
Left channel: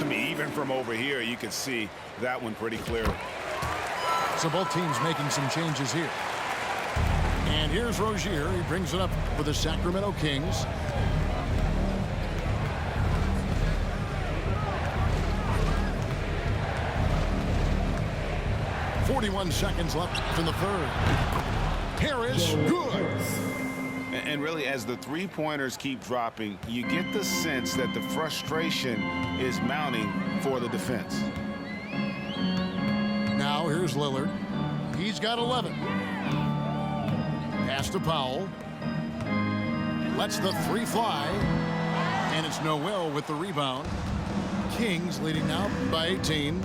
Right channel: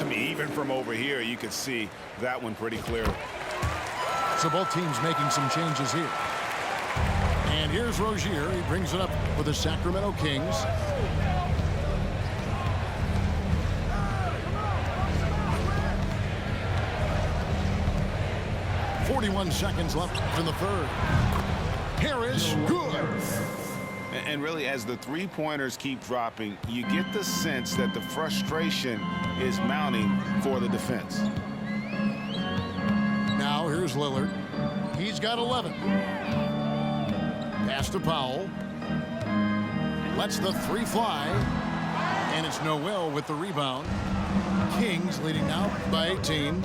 I mean, even from over here, you could see that one pretty clearly. So both teams making some changes here. And here's Rozier. He brings it up for the Sacramento Kings. .41 seconds left in the third. Harris, good. And really, as the three-pointers keep dropping, you get the sense that the frustration is mounting for the defense. Now here's Lillard. He's got 11. Pass to Powell. Lets the 3 fly. And it's Noel with the rebound. Kings leading now by 18.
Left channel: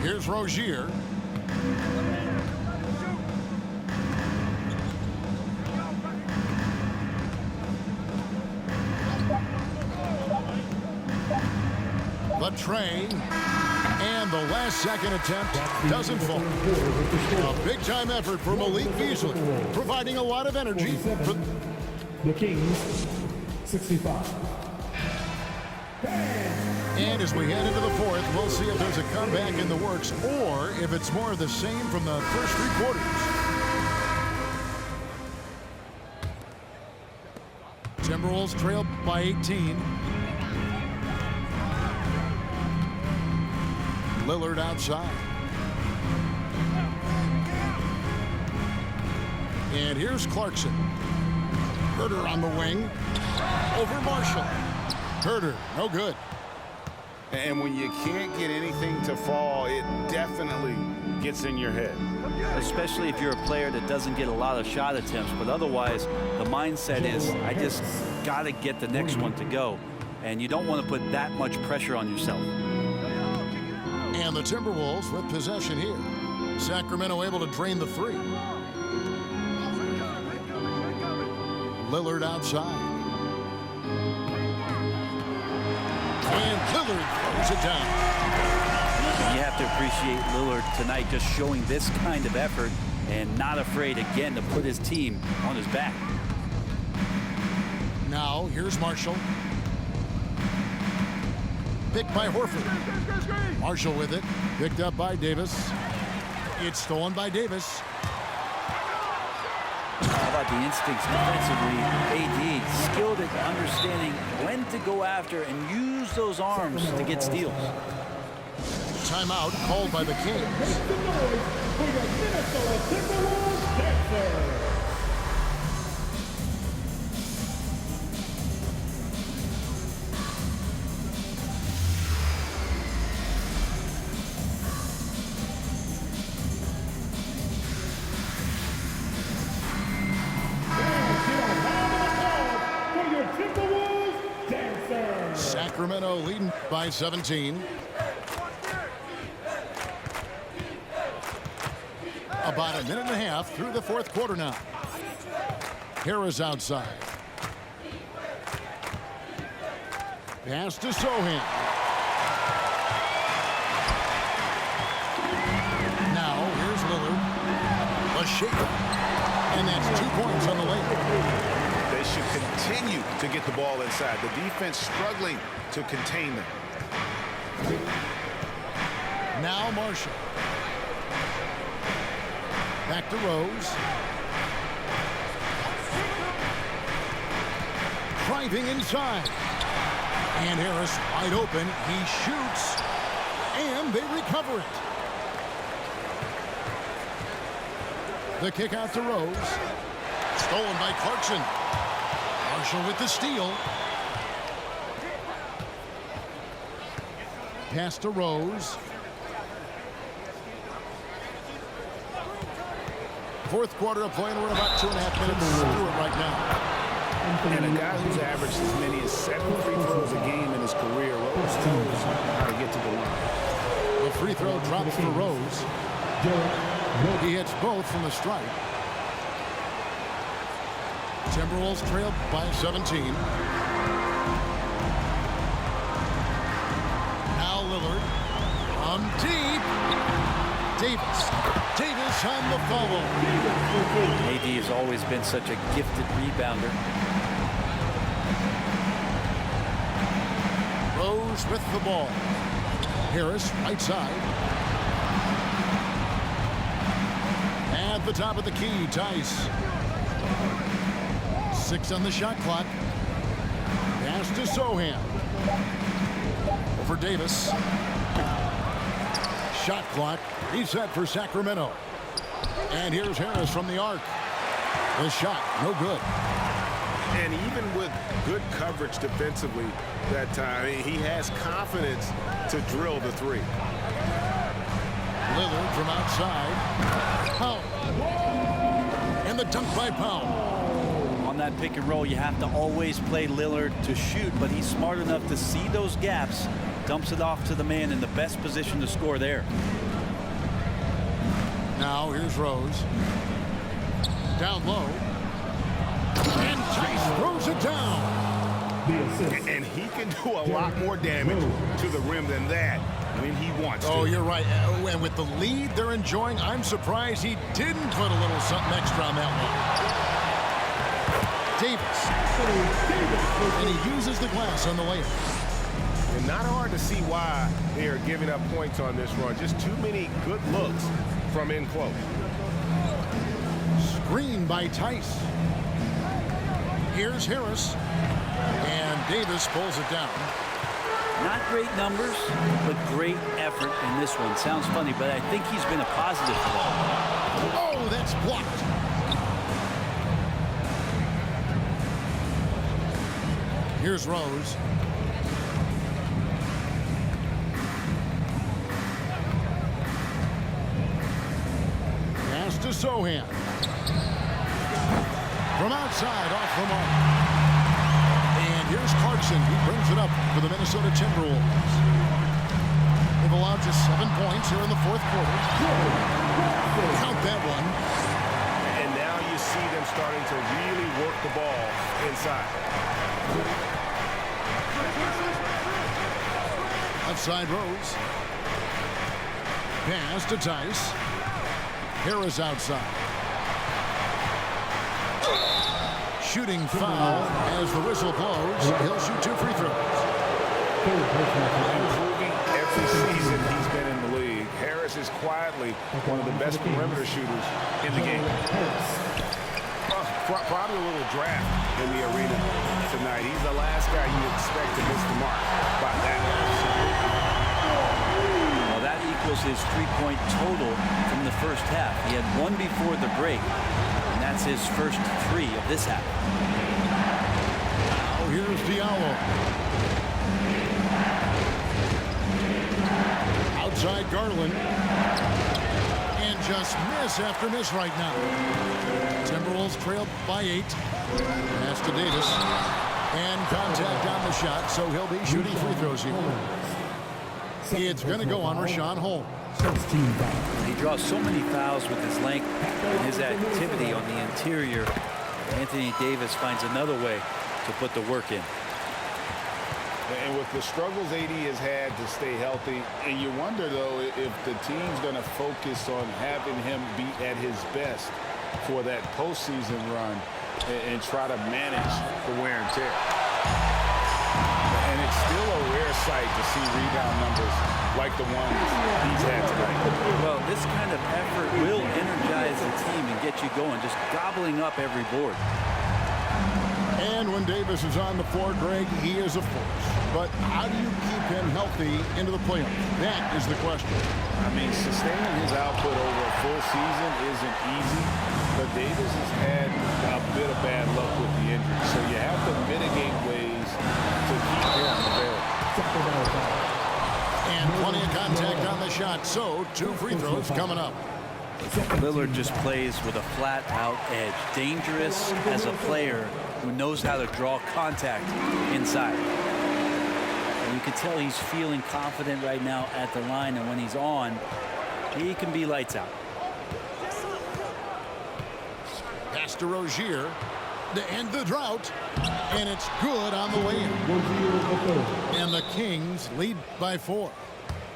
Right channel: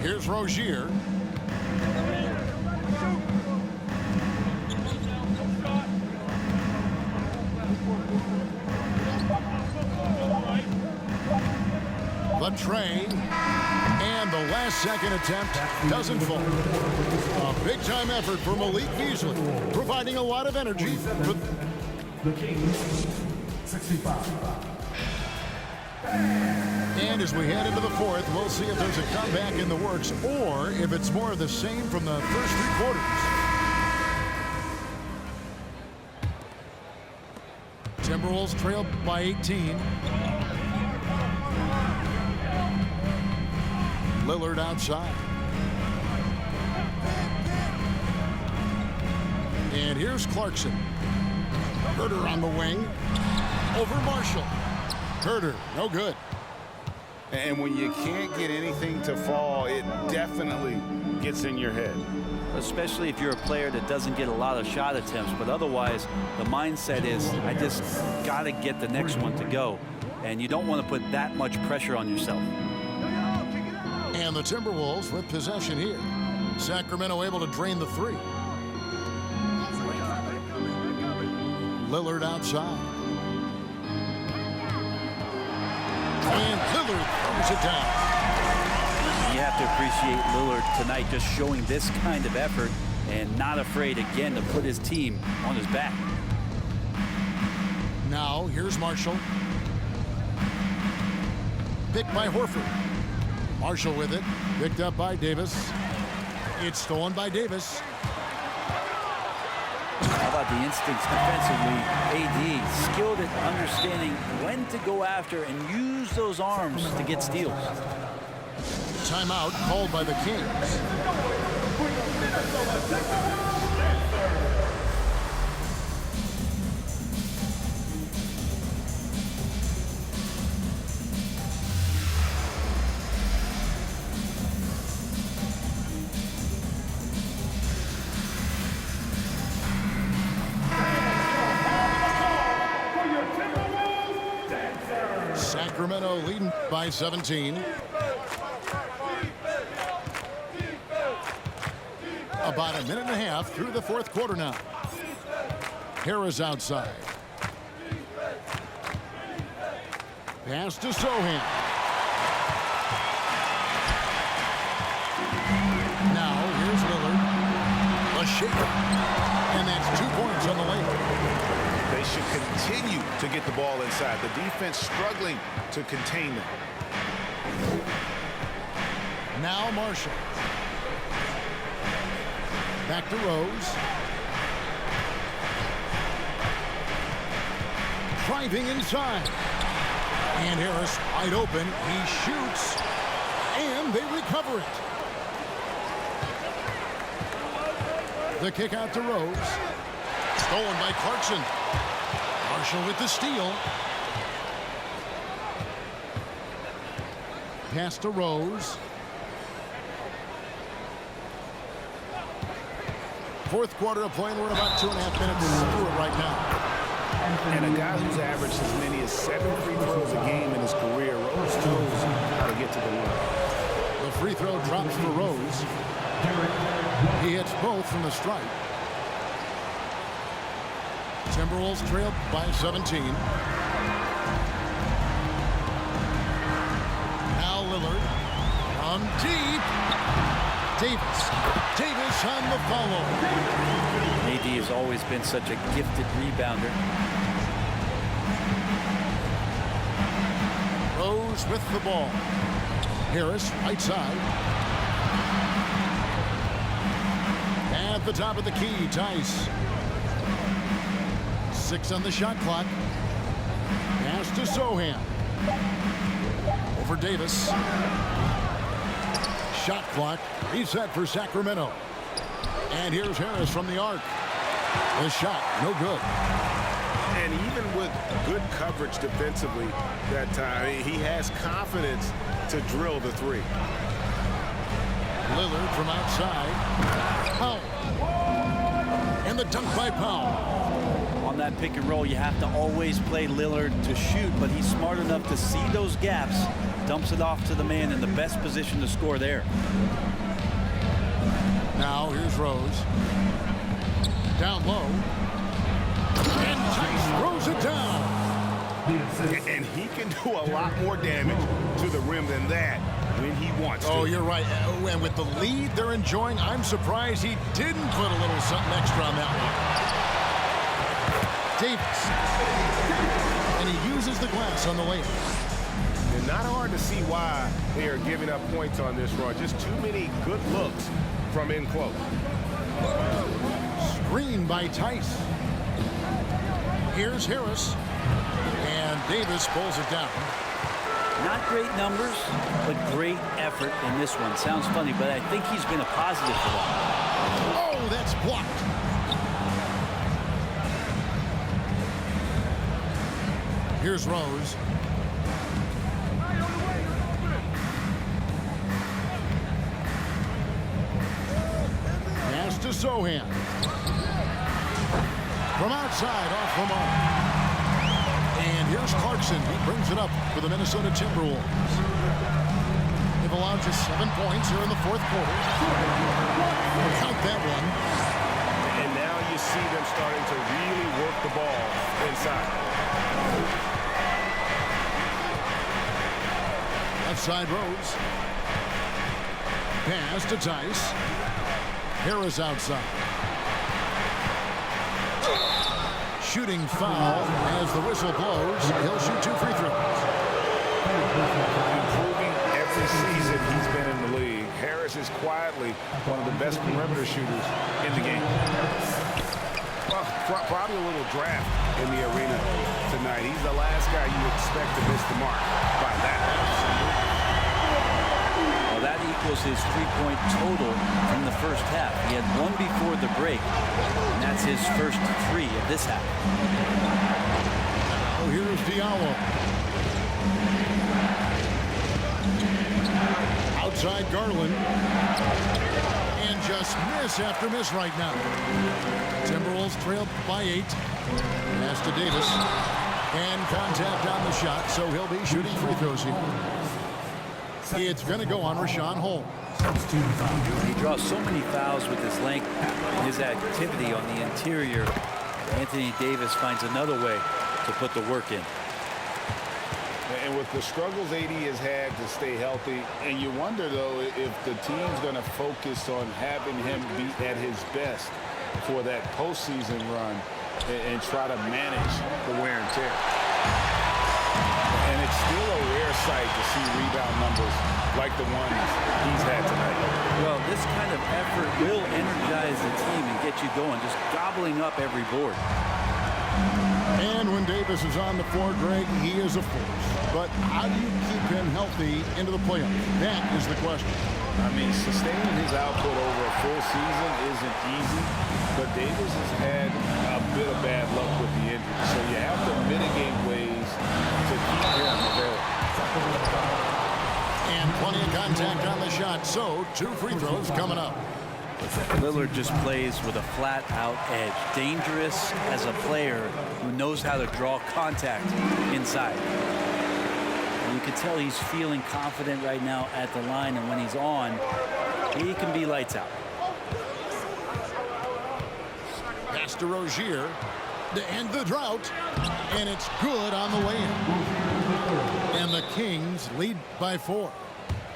Here's Rozier. The tray. And the last second attempt doesn't fall. A big-time effort for Malik Beasley, providing a lot of energy for the Kings, 65. And as we head into the fourth, we'll see if there's a comeback in the works or if it's more of the same from the first 3 quarters. Timberwolves trail by 18. Lillard outside. And here's Clarkson. Herter on the wing. Over Marshall. Herter, no good. And when you can't get anything to fall, it definitely gets in your head. Especially if you're a player that doesn't get a lot of shot attempts, but otherwise the mindset is I just got to get the next one to go, and you don't want to put that much pressure on yourself. And the Timberwolves with possession here. Sacramento able to drain the 3. Lillard outside. And Lillard throws it down. You have to appreciate Lillard tonight just showing this kind of effort and not afraid again to put his team on his back. Now here's Marshall. Picked by Horford. Marshall with it. Picked up by Davis. It's stolen by Davis. How about the instincts defensively? AD skilled at understanding when to go after and use those arms to get steals. Timeout called by the Kings. Sacramento leading by 17. About a minute and a half through the fourth quarter now. Harris outside. Pass to Sohan. Now here's Lillard. A shaker. And that's 2 points on the layup. They should continue to get the ball inside. The defense struggling to contain them. Now Marshall. Back to Rose. Driving inside. And Harris wide open. He shoots. And they recover it. The kick out to Rose. Stolen by Clarkson. Marshall with the steal. Pass to Rose. Fourth quarter of play, and we're in about 2.5 minutes through it right now. And a guy who's averaged as many as 7 free throws a game in his career, Rose knows how to get to the line. The free throw drops for Rose. He hits both from the stripe. Timberwolves trailed by 17. Now Lillard from deep. Davis on the follow. AD has always been such a gifted rebounder. Rose with the ball. Harris right side. At the top of the key, Tice. 6 on the shot clock. Pass to Sohan. Over Davis. Shot clock reset for Sacramento. And here's Harris from the arc. The shot, no good. And even with good coverage defensively that time, he has confidence to drill the three. Lillard from outside. Powell. And the dunk by Powell. On that pick and roll, you have to always play Lillard to shoot, but he's smart enough to see those gaps, dumps it off to the man in the best position to score there. Now here's Rose. Down low. And Tice throws it down. And he can do a lot more damage to the rim than that when he wants to. Oh, you're right. And with the lead they're enjoying, I'm surprised he didn't put a little something extra on that one. Davis. And he uses the glass on the layup. And not hard to see why they are giving up points on this run. Just too many good looks from in close. Screen by Tice. Here's Harris. And Davis pulls it down. Not great numbers, but great effort in this one. Sounds funny, but I think he's been a positive for that. Oh, that's blocked. Here's Rose. Pass to Sohan. From outside, off the mark. And here's Clarkson. He brings it up for the Minnesota Timberwolves. They've allowed just 7 points here in the fourth quarter. Count that one. And now you see them starting to really work the ball inside. Left side Rose. Pass to Tice. Harris outside. Shooting foul as the whistle blows. He'll shoot 2 free throws. Improving every season he's been in the league, Harris is quietly one of the best perimeter shooters in the game. Well, probably a little draft in the arena tonight. He's the last guy you expect to miss the mark by that. Well, that equals his three-point total from the first half. He had one before the break, and that's his first three of this half. Now here's Diallo. Outside Garland. And just miss after miss right now. Timberwolves trailed by 8. Pass to Davis. And contact on the shot, so he'll be shooting free throws here. It's going to go on Rashawn Holmes. He draws so many fouls with his length and his activity on the interior. Anthony Davis finds another way to put the work in. And with the struggles AD has had to stay healthy, and you wonder, though, if the team's going to focus on having him be at his best for that postseason run and try to manage the wear and tear. And it's still a rare sight to see rebound numbers like the ones he's had tonight. Well, this kind of effort will energize the team and get you going, just gobbling up every board. And when Davis is on the floor, Greg, he is a force. But how do you keep him healthy into the playoffs? That is the question. I mean, sustaining his output over a full season isn't easy, but Davis has had a bit of bad luck with the injury. So you have to mitigate ways to keep him available. And plenty of contact on the shot, so 2 free throws coming up. Lillard just plays with a flat-out edge. Dangerous as a player who knows how to draw contact inside. And you can tell he's feeling confident right now at the line, and when he's on, he can be lights out. Pass to Rozier to end the drought, and it's good on the way in. And the Kings lead by 4.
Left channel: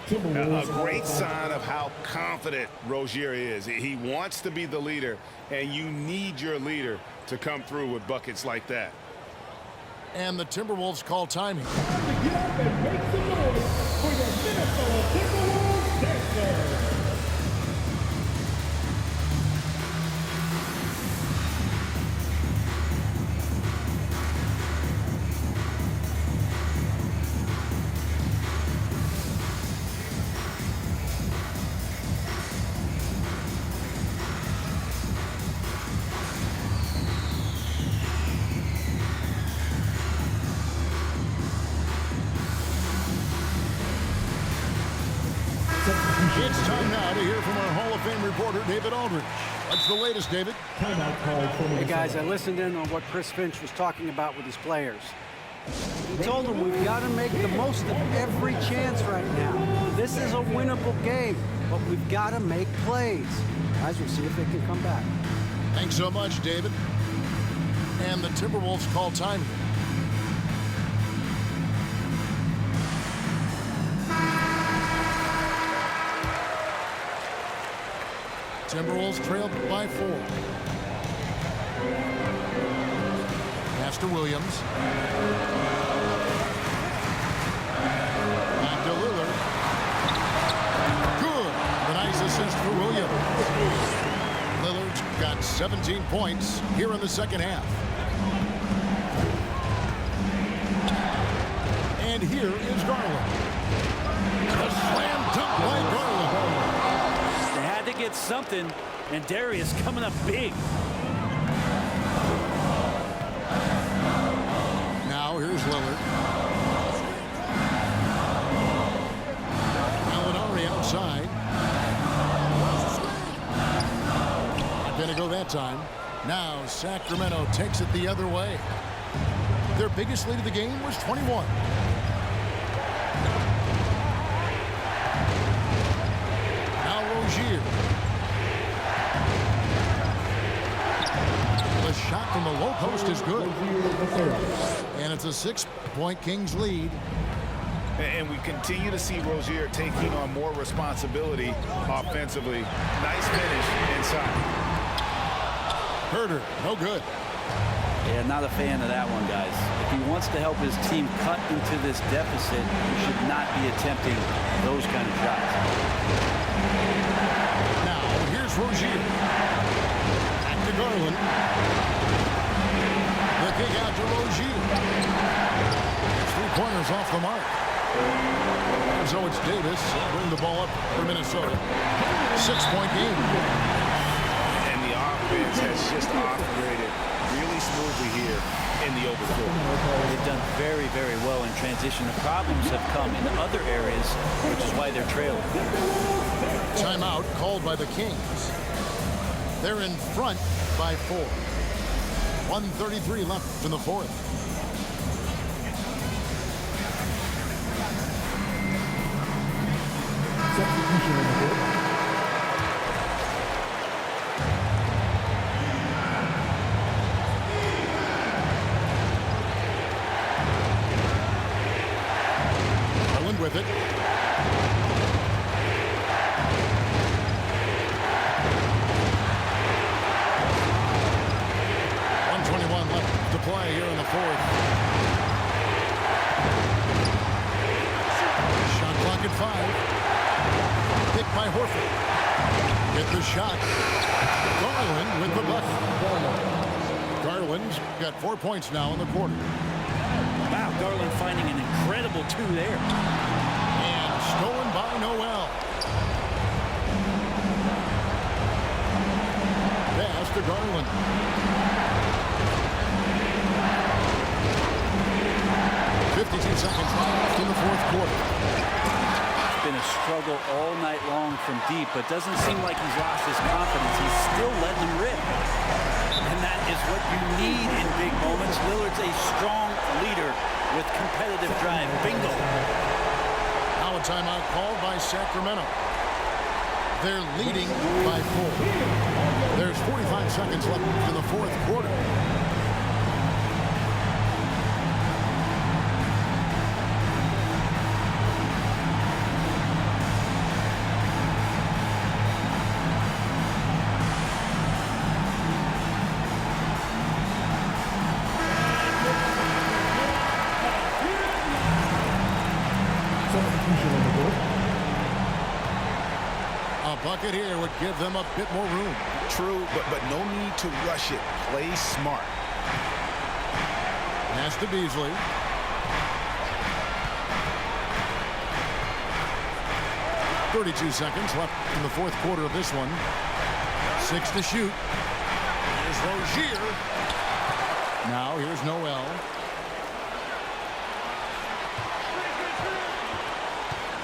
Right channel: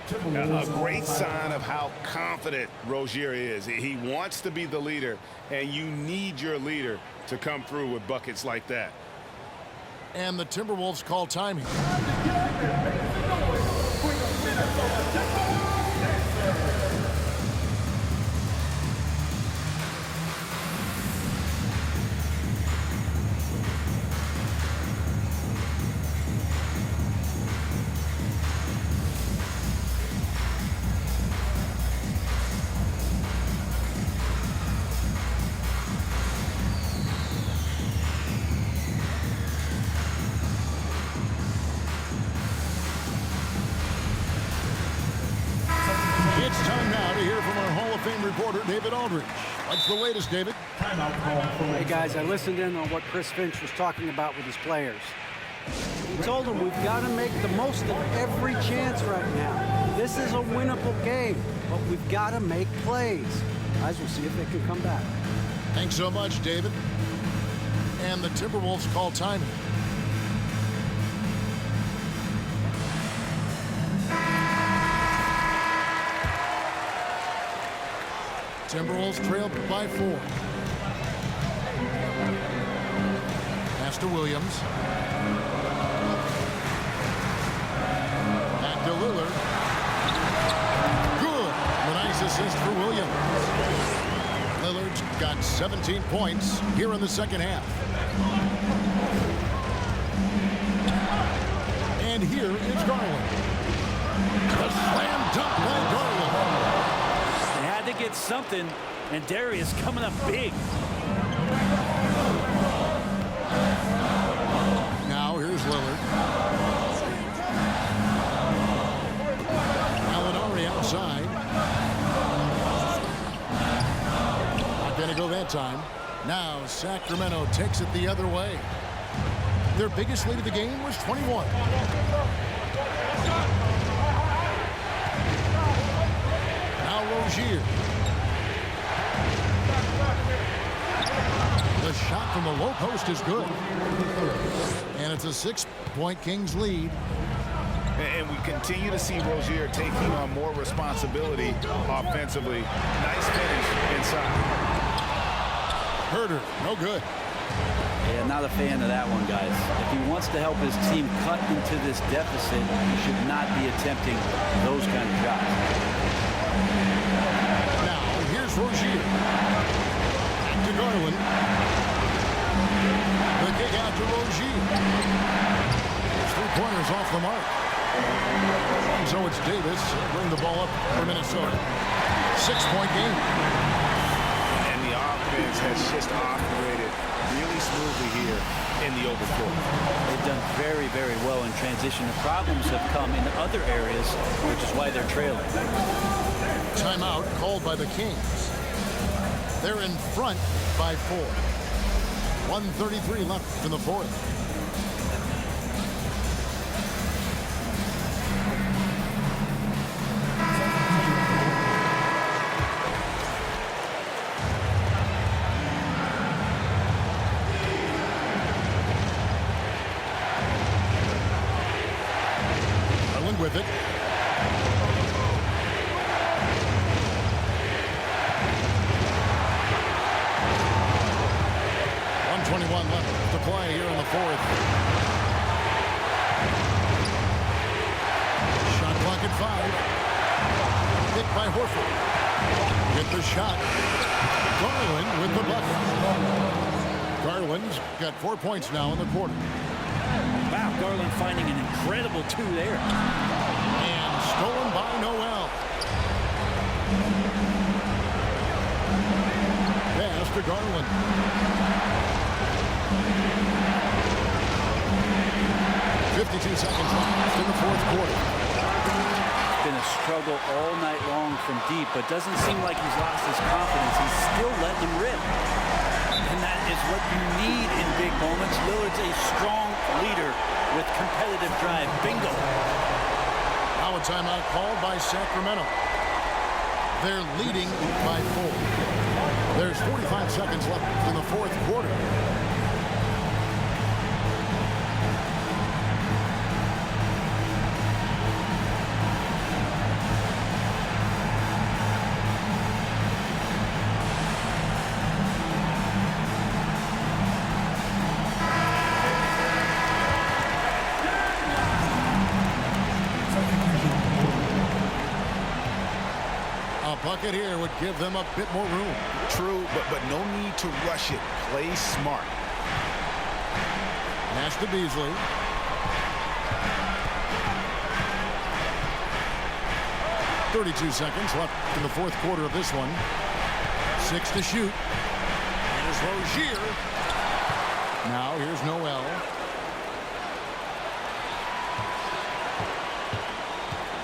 A great sign of how confident Rozier is. He wants to be the leader, and you need your leader to come through with buckets like that. And the Timberwolves call timing. It's time now to hear from our Hall of Fame reporter, David Aldridge. What's the latest, David? Hey, guys, I listened in on what Chris Finch was talking about with his players. He told them we've got to make the most of every chance right now. This is a winnable game, but we've got to make plays. Guys, we'll see if they can come back. Thanks so much, David. And the Timberwolves call timing. Timberwolves trailed by 4. Pass to Williams. Back to Lillard. Good. A nice assist for Williams. Lillard's got 17 points here in the second half. And here is Garland. The slam dunk by Garland. They had to get something, and Darius coming up big. Now here's Lillard. Gallinari outside. Not going to go that time. Now Sacramento takes it the other way. Their biggest lead of the game was 21. Now Rozier. The shot from the low post is good. And it's a 6-point Kings lead. And we continue to see Rozier taking on more responsibility offensively. Nice finish inside. Herter, no good. Yeah, not a fan of that one, guys. If he wants to help his team cut into this deficit, he should not be attempting those kind of shots. Now, here's Rozier. Back to Garland. The kick out to Rozier. It's 3-pointers off the mark. And so it's Davis. Bring the ball up for Minnesota. 6-point game. And the offense has just operated really smoothly here in the open floor. They've done very, very well in transition. The problems have come in other areas, which is why they're trailing. Timeout called by the Kings. They're in front by 4. 1:33 left in the fourth. Substitution on the court. Garland with it. .21 left to play here in the fourth. Shot clock at 5. Picked by Horford. Get the shot. Garland with the bucket. Garland's got 4 points now in the quarter. Wow, Garland finding an incredible 2 there. And stolen by Noel. Pass to Garland. 52 seconds left in the fourth quarter. It's been a struggle all night long from deep, but doesn't seem like he's lost his confidence. He's still letting them rip. And that is what you need in big moments. Lillard's a strong leader with competitive drive. Bingo. Now a timeout called by Sacramento. They're leading by 4. There's 45 seconds left in the fourth quarter. Substitution on the court. A bucket here would give them a bit more room. True, but no need to rush it. Play smart. Pass to Beasley. .32 seconds left in the fourth quarter of this one. 6 to shoot. Here's Rozier. Now here's Noel.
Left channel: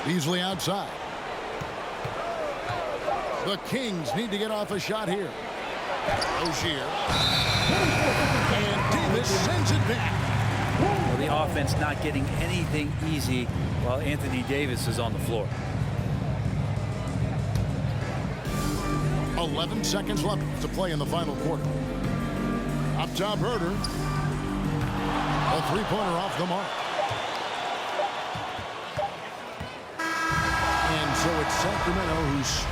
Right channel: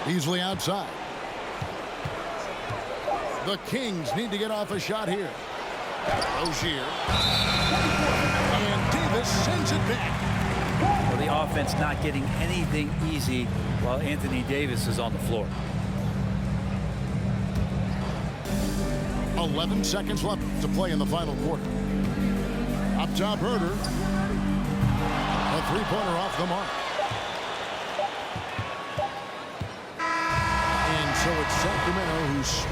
Beasley outside. The Kings need to get off a shot here. Rozier. And Davis sends it back. Well, the offense not getting anything easy while Anthony Davis is on the floor. 11 seconds left to play in the final quarter. Up top, Herder. A 3-pointer off the mark. And so it's Sacramento who's